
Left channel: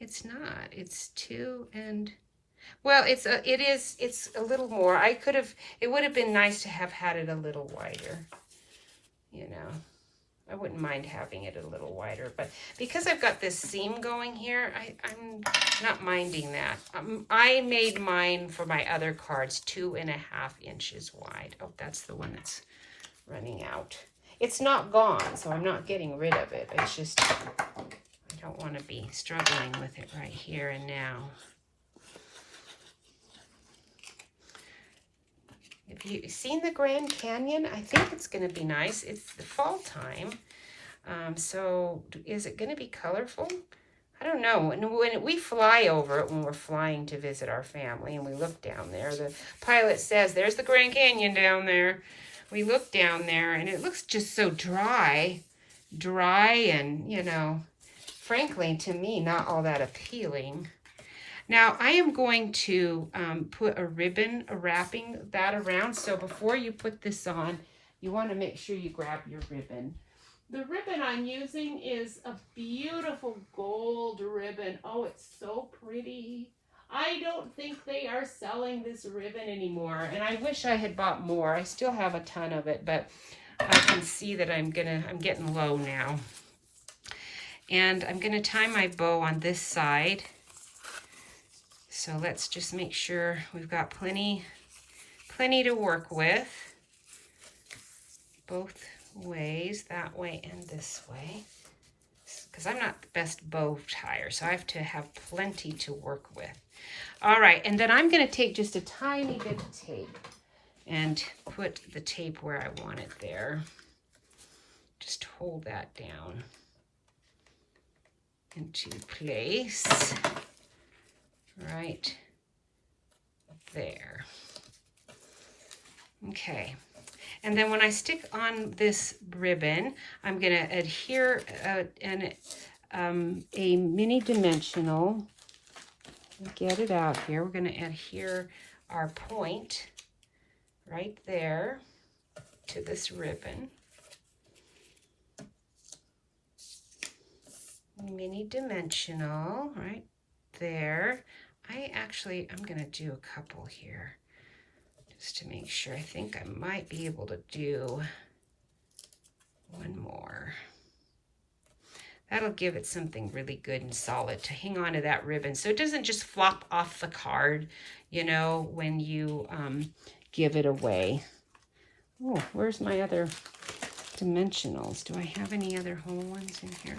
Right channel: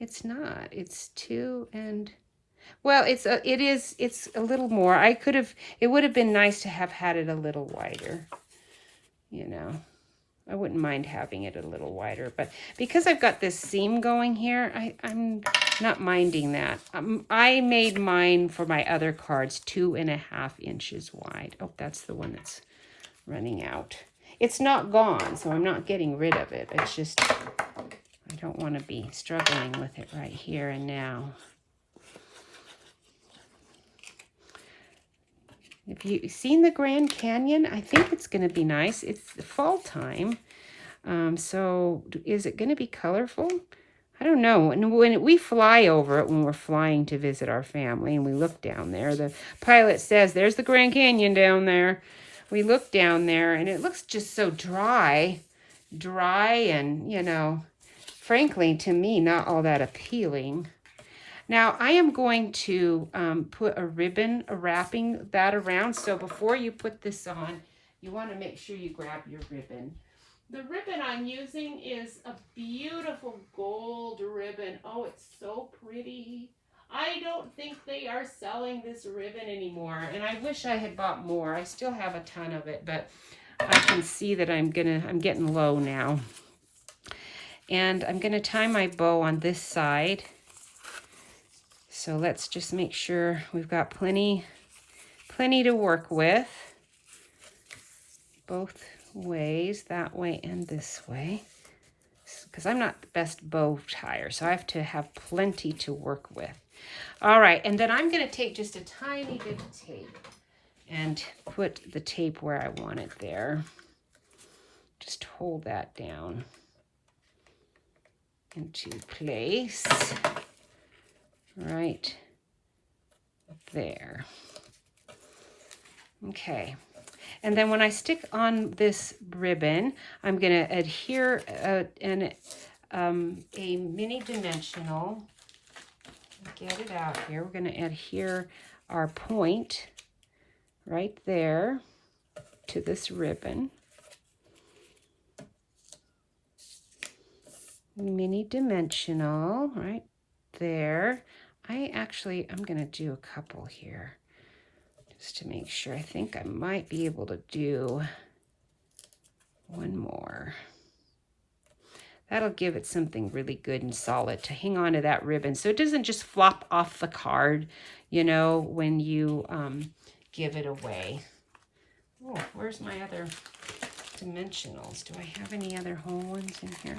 It's not. It's 2 and... Well, it's a little more. It would have been nice to have had it a little wider. You know, I wouldn't mind having it a little wider, but because I've got this seam going here, I'm not minding that. I made mine for my other cards 2 1/2 inches wide. Oh, that's the one that's running out. It's not gone, so I'm not getting rid of it. It's just, I don't want to be struggling with it right here and now. If you've seen the Grand Canyon, I think it's going to be nice. It's the fall time. So is it going to be colorful? I don't know. And when we fly over it, when we're flying to visit our family, and we look down there, the pilot says, there's the Grand Canyon down there. We look down there, and it looks just so dry, and, you know, frankly, to me, not all that appealing. Now, I am going to put a ribbon wrapping that around. So before you put this on, you want to make sure you grab your ribbon. The ribbon I'm using is a beautiful gold ribbon. Oh, it's so pretty. I don't think they are selling this ribbon anymore, and I wish I had bought more. I still have a ton of it, but I can see that I'm getting low now. And I'm gonna tie my bow on this side. So let's just make sure we've got plenty to work with. Both ways, that way and this way. Because I'm not the best bow tire, so I have to have plenty to work with. All right, and then I'm going to take just a tiny bit of tape and put the tape where I want it there. Just hold that down into place. Right there. Okay. And then when I stick on this ribbon, I'm going to adhere a mini dimensional. Get it out here. We're going to adhere our point right there to this ribbon. Mini dimensional right there. I'm going to do a couple here just to make sure. I think I might be able to do one more. That'll give it something really good and solid to hang on to that ribbon so it doesn't just flop off the card, you know, when you give it away. Oh, where's my other dimensionals? Do I have any other whole ones in here?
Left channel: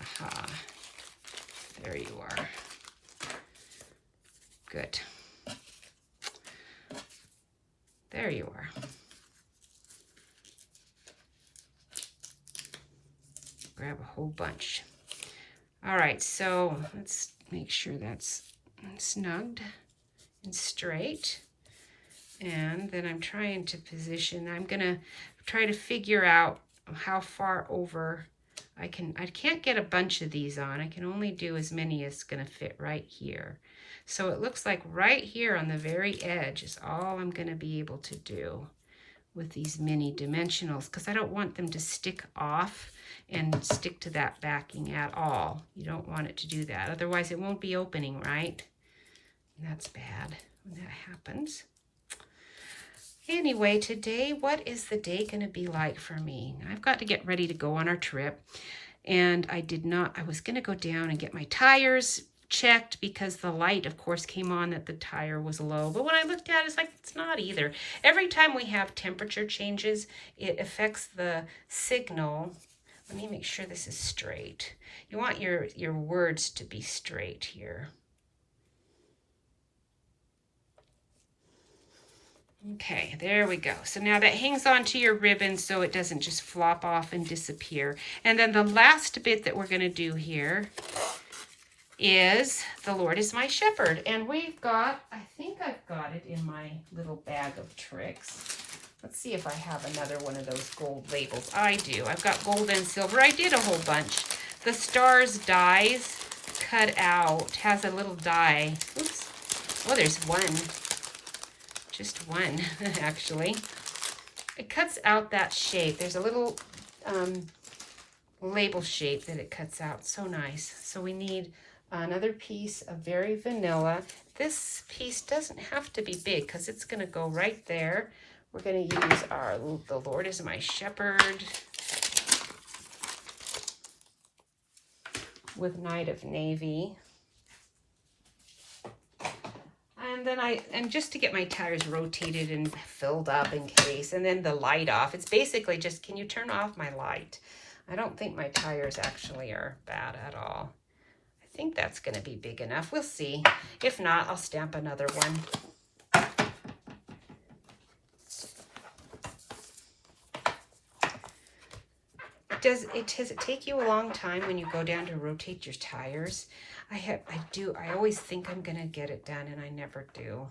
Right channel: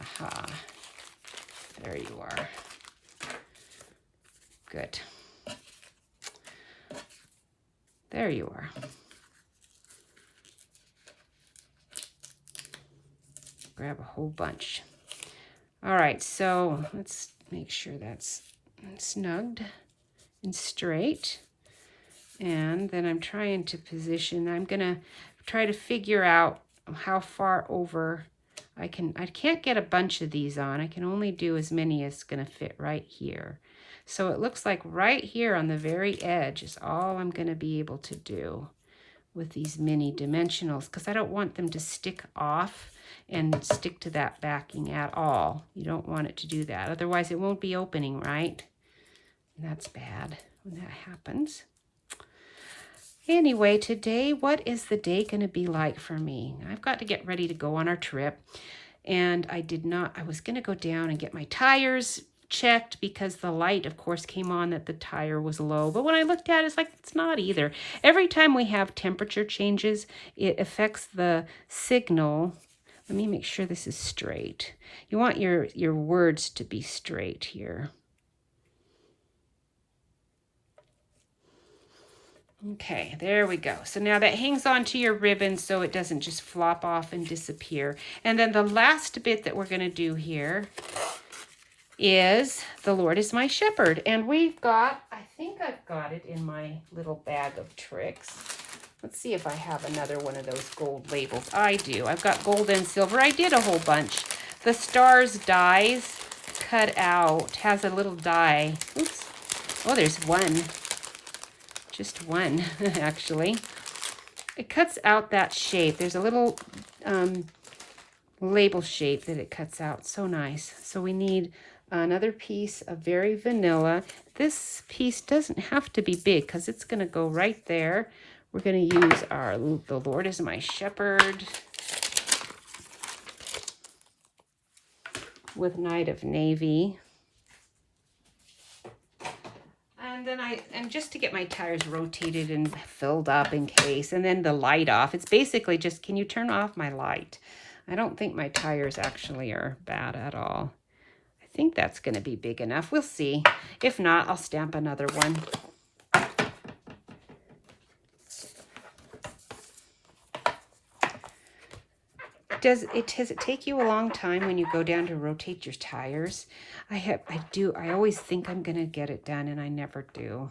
Aha. There you are. Good. There you are. Grab a whole bunch. All right, so let's make sure that's snugged and straight. And then I'm trying to position, I'm gonna try to figure out how far over I can't get a bunch of these on. I can only do as many as gonna fit right here. So it looks like right here on the very edge is all I'm gonna be able to do with these mini dimensionals, because I don't want them to stick off and stick to that backing at all. You don't want it to do that. Otherwise it won't be opening, right? That's bad when that happens. Anyway, today, what is the day going to be like for me? I've got to get ready to go on our trip. And I was going to go down and get my tires checked because the light, of course, came on that the tire was low. But when I looked at it, it's like, it's not either. Every time we have temperature changes, it affects the signal. Let me make sure this is straight. You want your words to be straight here. Okay, there we go. So now that hangs onto your ribbon so it doesn't just flop off and disappear. And then the last bit that we're going to do here is The Lord is My Shepherd. And we've got, I think I've got it in my little bag of tricks. Let's see if I have another one of those gold labels. I do. I've got gold and silver. I did a whole bunch. The stars dies cut out has a little die. Oops. Oh, there's one. Just one, actually. It cuts out that shape. There's a little label shape that it cuts out. So nice. So we need another piece of very vanilla. This piece doesn't have to be big because it's going to go right there. We're going to use our The Lord is My Shepherd with Night of Navy. And just to get my tires rotated and filled up in case, and then the light off. It's basically just, can you turn off my light? I don't think my tires actually are bad at all. I think that's going to be big enough. We'll see. If not, I'll stamp another one. Does it take you a long time when you go down to rotate your tires? I always think I'm going to get it done, and I never do.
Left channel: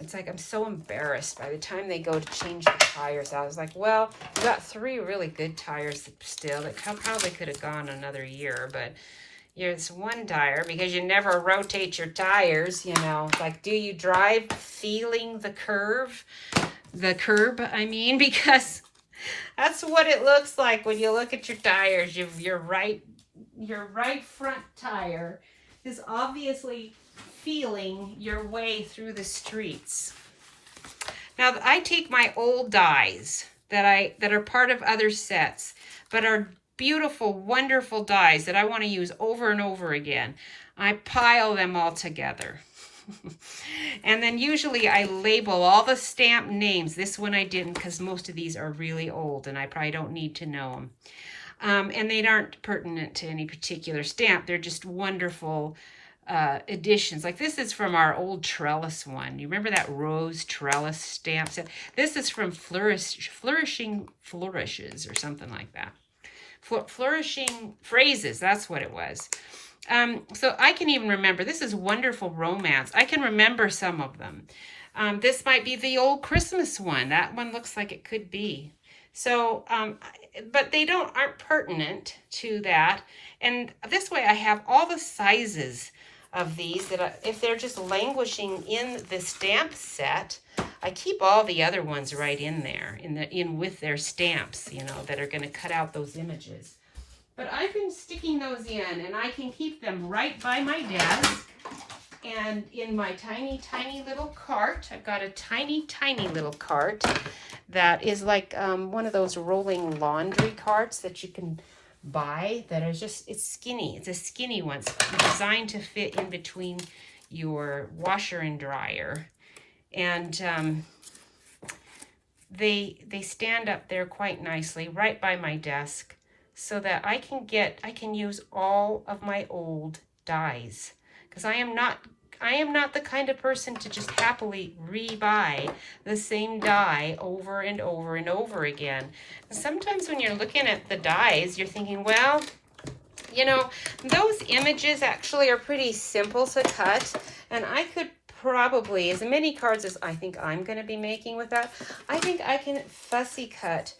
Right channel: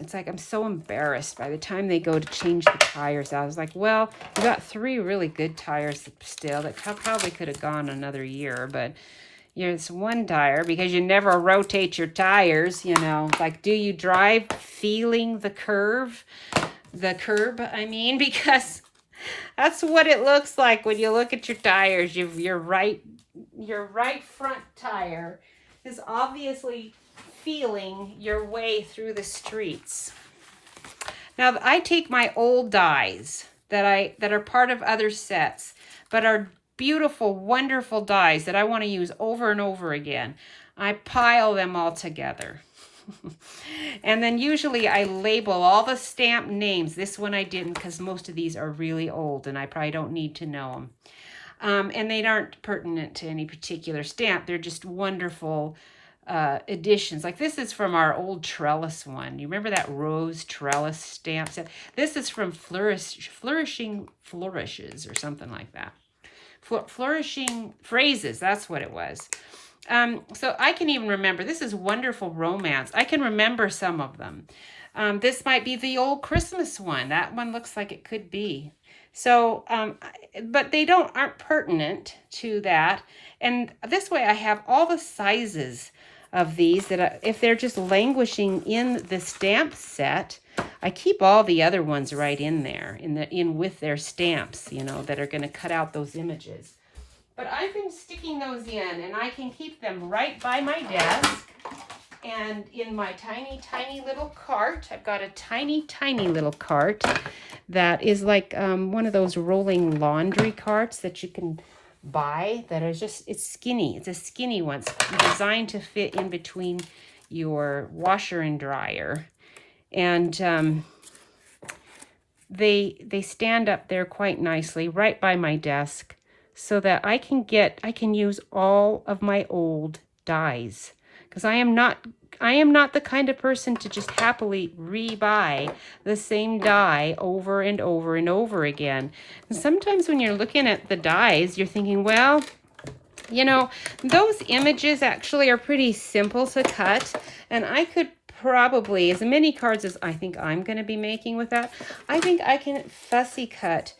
It's like I'm so embarrassed by the time they go to change the tires out. I was like, well, I got 3 really good tires still that probably could have gone another year, but it's one tire because you never rotate your tires, you know. Like, do you drive feeling the curb, I mean, because that's what it looks like when you look at your tires. Your right front tire is obviously feeling your way through the streets. Now, I take my old dies that are part of other sets, but are beautiful, wonderful dies that I want to use over and over again. I pile them all together. And then usually I label all the stamp names. This one I didn't because most of these are really old and I probably don't need to know them. And they aren't pertinent to any particular stamp. They're just wonderful additions. Like this is from our old trellis one. You remember that rose trellis stamp set? This is from Flourishing Flourishes or something like that. Flourishing Phrases, that's what it was. So I can even remember, this is Wonderful Romance. I can remember some of them. This might be the old Christmas one. That one looks like it could be. So, but they aren't pertinent to that. And this way I have all the sizes of these that if they're just languishing in the stamp set, I keep all the other ones right in there, in with their stamps, you know, that are going to cut out those images. But I've been sticking those in, and I can keep them right by my desk and in my tiny, tiny little cart. I've got a tiny, tiny little cart that is like one of those rolling laundry carts that you can buy that are just, it's skinny. It's a skinny one. It's designed to fit in between your washer and dryer. And they stand up there quite nicely right by my desk, so that I can use all of my old dies, because I am not the kind of person to just happily re-buy the same die over and over and over again. And sometimes when you're looking at the dies, you're thinking, well, You know, those images actually are pretty simple to cut, and I could probably, as many cards as I think I'm going to be making with that, I think I can fussy cut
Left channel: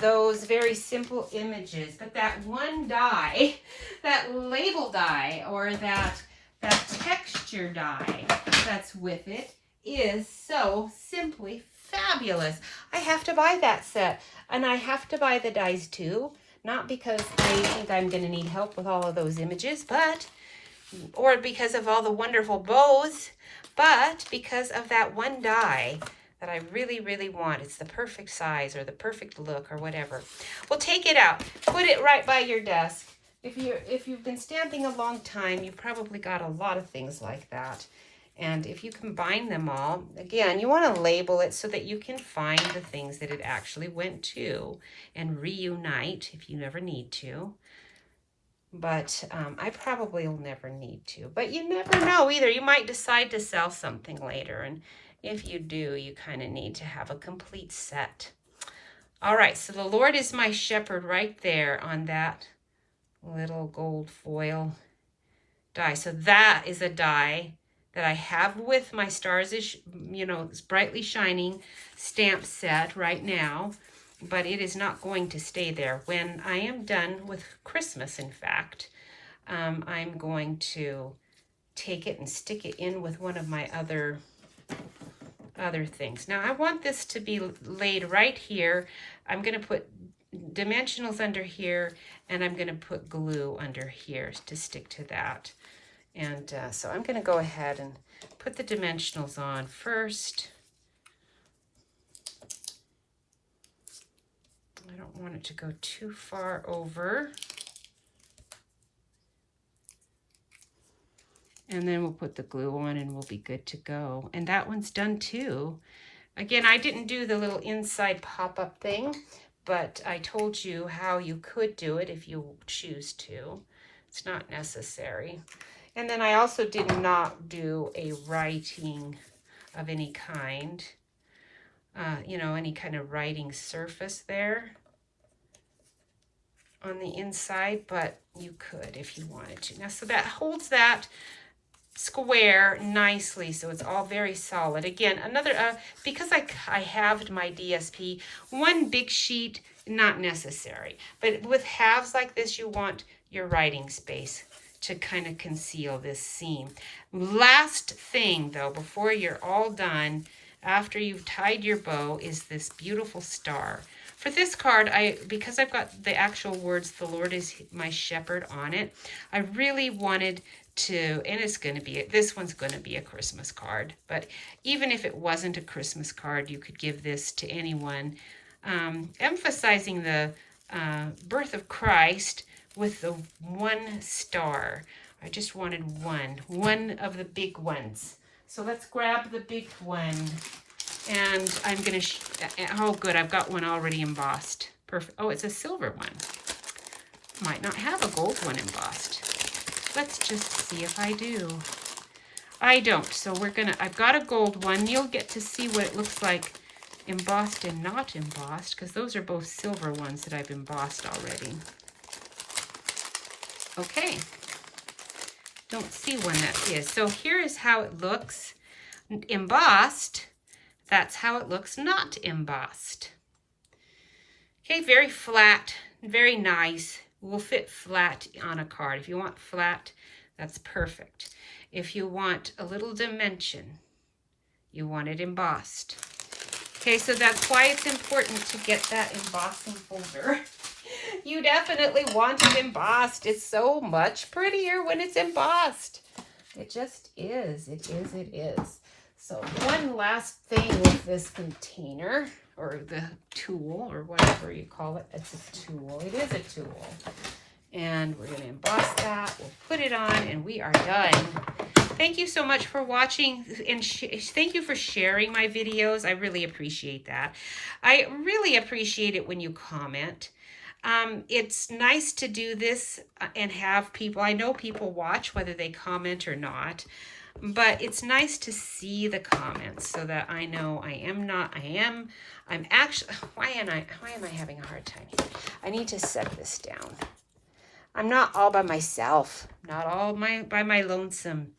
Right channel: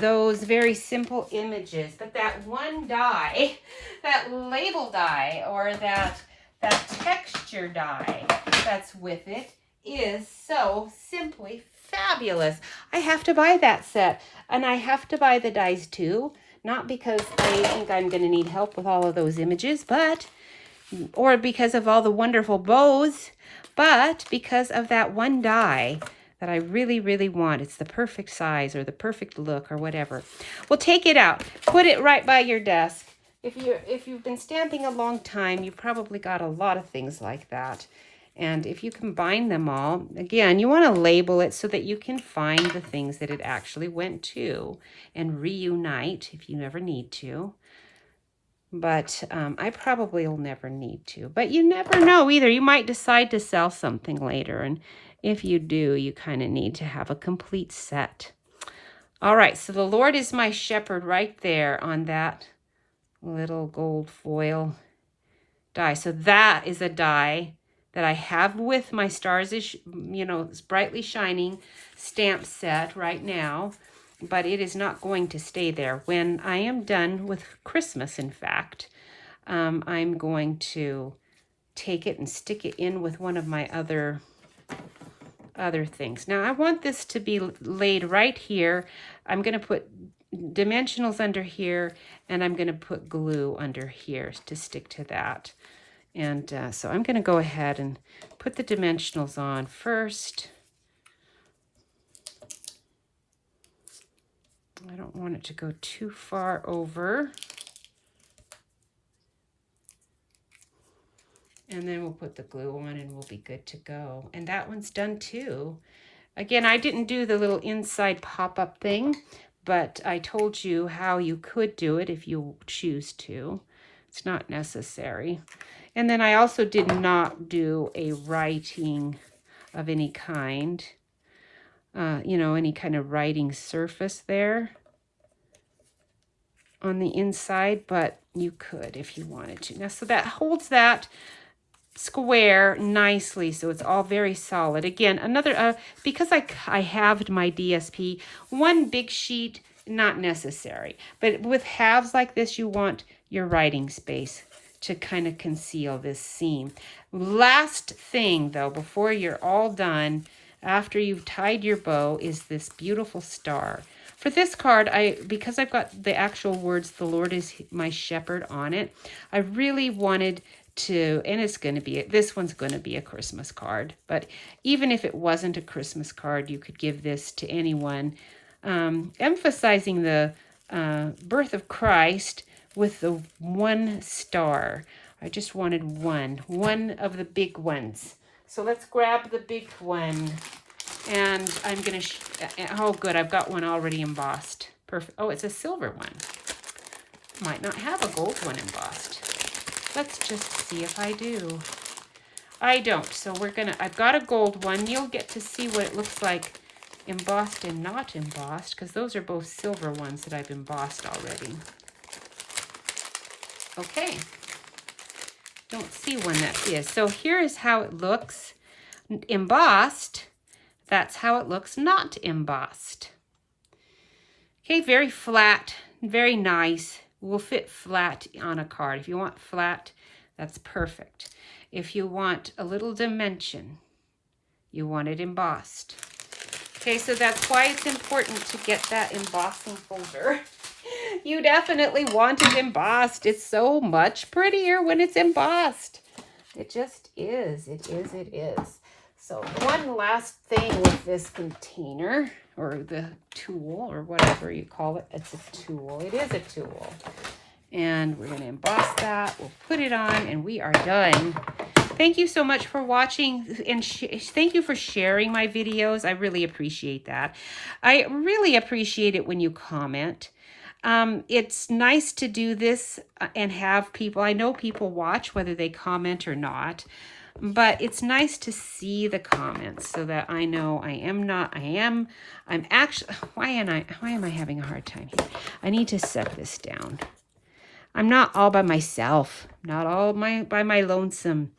those very simple images. But that one die, that label die, or that texture die that's with it is so simply fabulous. I have to buy that set, and I have to buy the dies too. Not because I think I'm going to need help with all of those images, or because of all the wonderful bows, but because of that one die that I really, really want. It's the perfect size or the perfect look or whatever. Well, take it out. Put it right by your desk. If you've been stamping a long time, you probably got a lot of things like that. And if you combine them all, again, you want to label it so that you can find the things that it actually went to and reunite if you ever need to. But I probably will never need to. But you never know either. You might decide to sell something later. And if you do, you kind of need to have a complete set. All right, so the Lord is my shepherd right there on that little gold foil die. So that is a die that I have with my Stars is, you know, brightly shining stamp set right now, but it is not going to stay there. When I am done with Christmas, in fact, I'm going to take it and stick it in with one of my other things. Now I want this to be laid right here. I'm going to put dimensionals under here, and I'm going to put glue under here to stick to that. And so I'm going to go ahead and put the dimensionals on first. I don't want it to go too far over. And then we'll put the glue on and we'll be good to go. And that one's done too. Again, I didn't do the little inside pop-up thing, but I told you how you could do it if you choose to. It's not necessary. And then I also did not do a writing of any kind, you know, any kind of writing surface there on the inside, but you could if you wanted to. Now, so that holds that square nicely, so it's all very solid. Again, another, because I halved my DSP, one big sheet, not necessary. But with halves like this, you want your writing space to kind of conceal this seam. Last thing though, before you're all done, after you've tied your bow, is this beautiful star. For this card, because I've got the actual words, the Lord is my shepherd on it, I really wanted to, and it's going to be, this one's going to be a Christmas card, but even if it wasn't a Christmas card, you could give this to anyone, emphasizing the birth of Christ with the one star. I just wanted one of the big ones. So let's grab the big one, and I'm gonna, oh good, I've got one already embossed. Perfect. Oh, it's a silver one. Might not have a gold one embossed. Let's just see if I do. I don't, so I've got a gold one. You'll get to see what it looks like embossed and not embossed, because those are both silver ones that I've embossed already. Okay, don't see one that is. So here is how it looks embossed. That's how it looks not embossed. Okay, very flat, very nice. Will fit flat on a card. If you want flat, that's perfect. If you want a little dimension, you want it embossed. Okay, so that's why it's important to get that embossing folder. You definitely want it embossed. It's so much prettier when it's embossed. It just is. It is. It is. So one last thing with this container, or the tool, or whatever you call it. It's a tool. It is a tool. And we're going to emboss that. We'll put it on, and we are done. Thank you so much for watching, and thank you for sharing my videos. I really appreciate that. I really appreciate it when you comment. It's nice to do this and have people, I know people watch whether they comment or not, but it's nice to see the comments so that I know I'm actually, why am I having a hard time here? I need to set this down. I'm not all by myself, not all by my lonesome.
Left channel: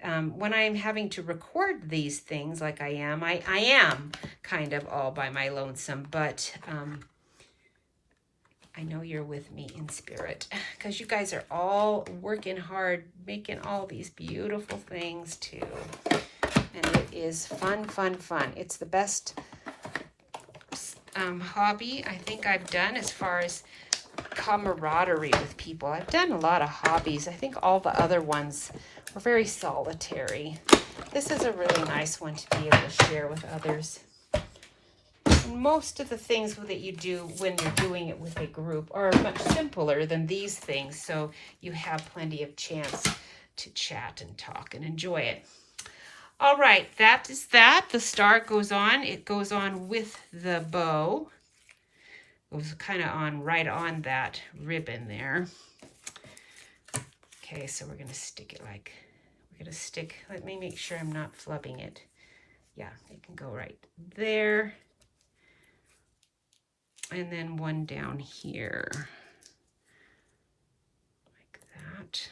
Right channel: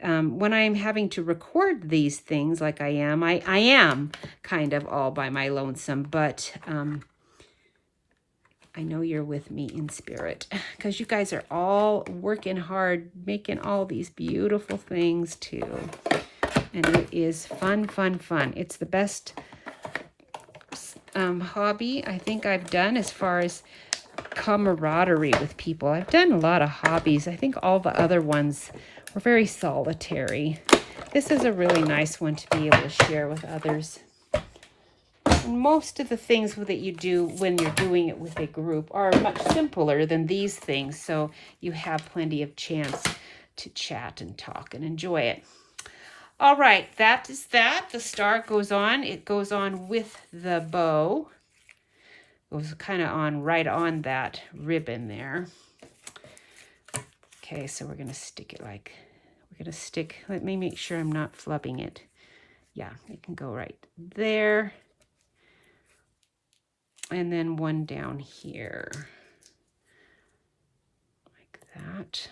When I'm having to record these things like I am kind of all by my lonesome, but I know you're with me in spirit because you guys are all working hard, making all these beautiful things too. And it is fun, fun, fun. It's the best hobby I think I've done as far as camaraderie with people. I've done a lot of hobbies. I think all the other ones were very solitary. This is a really nice one to be able to share with others. Most of the things that you do when you're doing it with a group are much simpler than these things, so you have plenty of chance to chat and talk and enjoy it. All right, that is that. The star goes on. It goes on with the bow. It goes kind of on right on that ribbon there. Okay, so we're going to stick it like, we're going to stick, let me make sure I'm not flubbing it. Yeah, it can go right there. And then one down here, like that.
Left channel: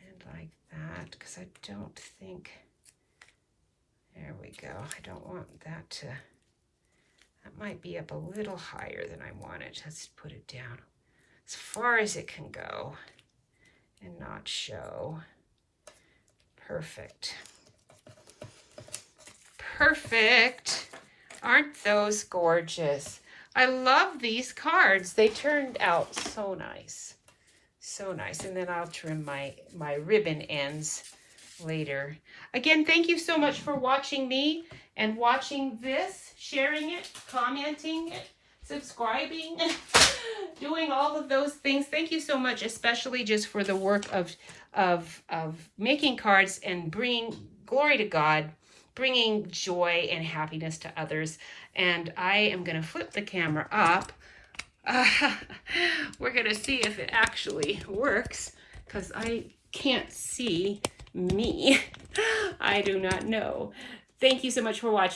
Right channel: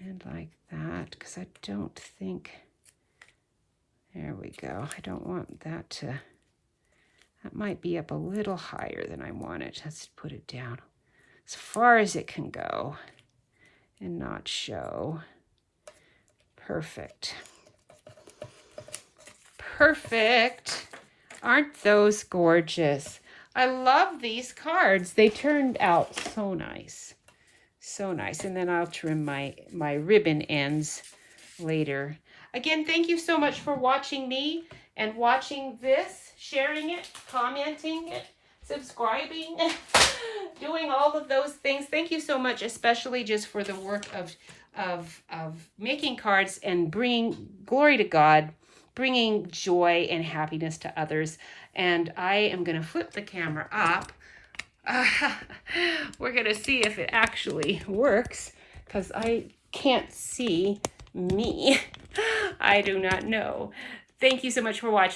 And like that, because I don't think, there we go. I don't want that to, that might be up a little higher than I want it. Let's put it down as far as it can go and not show. Perfect. Perfect. Aren't those gorgeous? I love these cards. They turned out so nice. So nice. And then I'll trim my ribbon ends later. Again, thank you so much for watching me and watching this, sharing it, commenting it, subscribing, doing all of those things. Thank you so much, especially just for the work of making cards and bringing glory to God, bringing joy and happiness to others. And I am going to flip the camera up. We're going to see if it actually works because I can't see me. I do not know. Thank you so much for watching.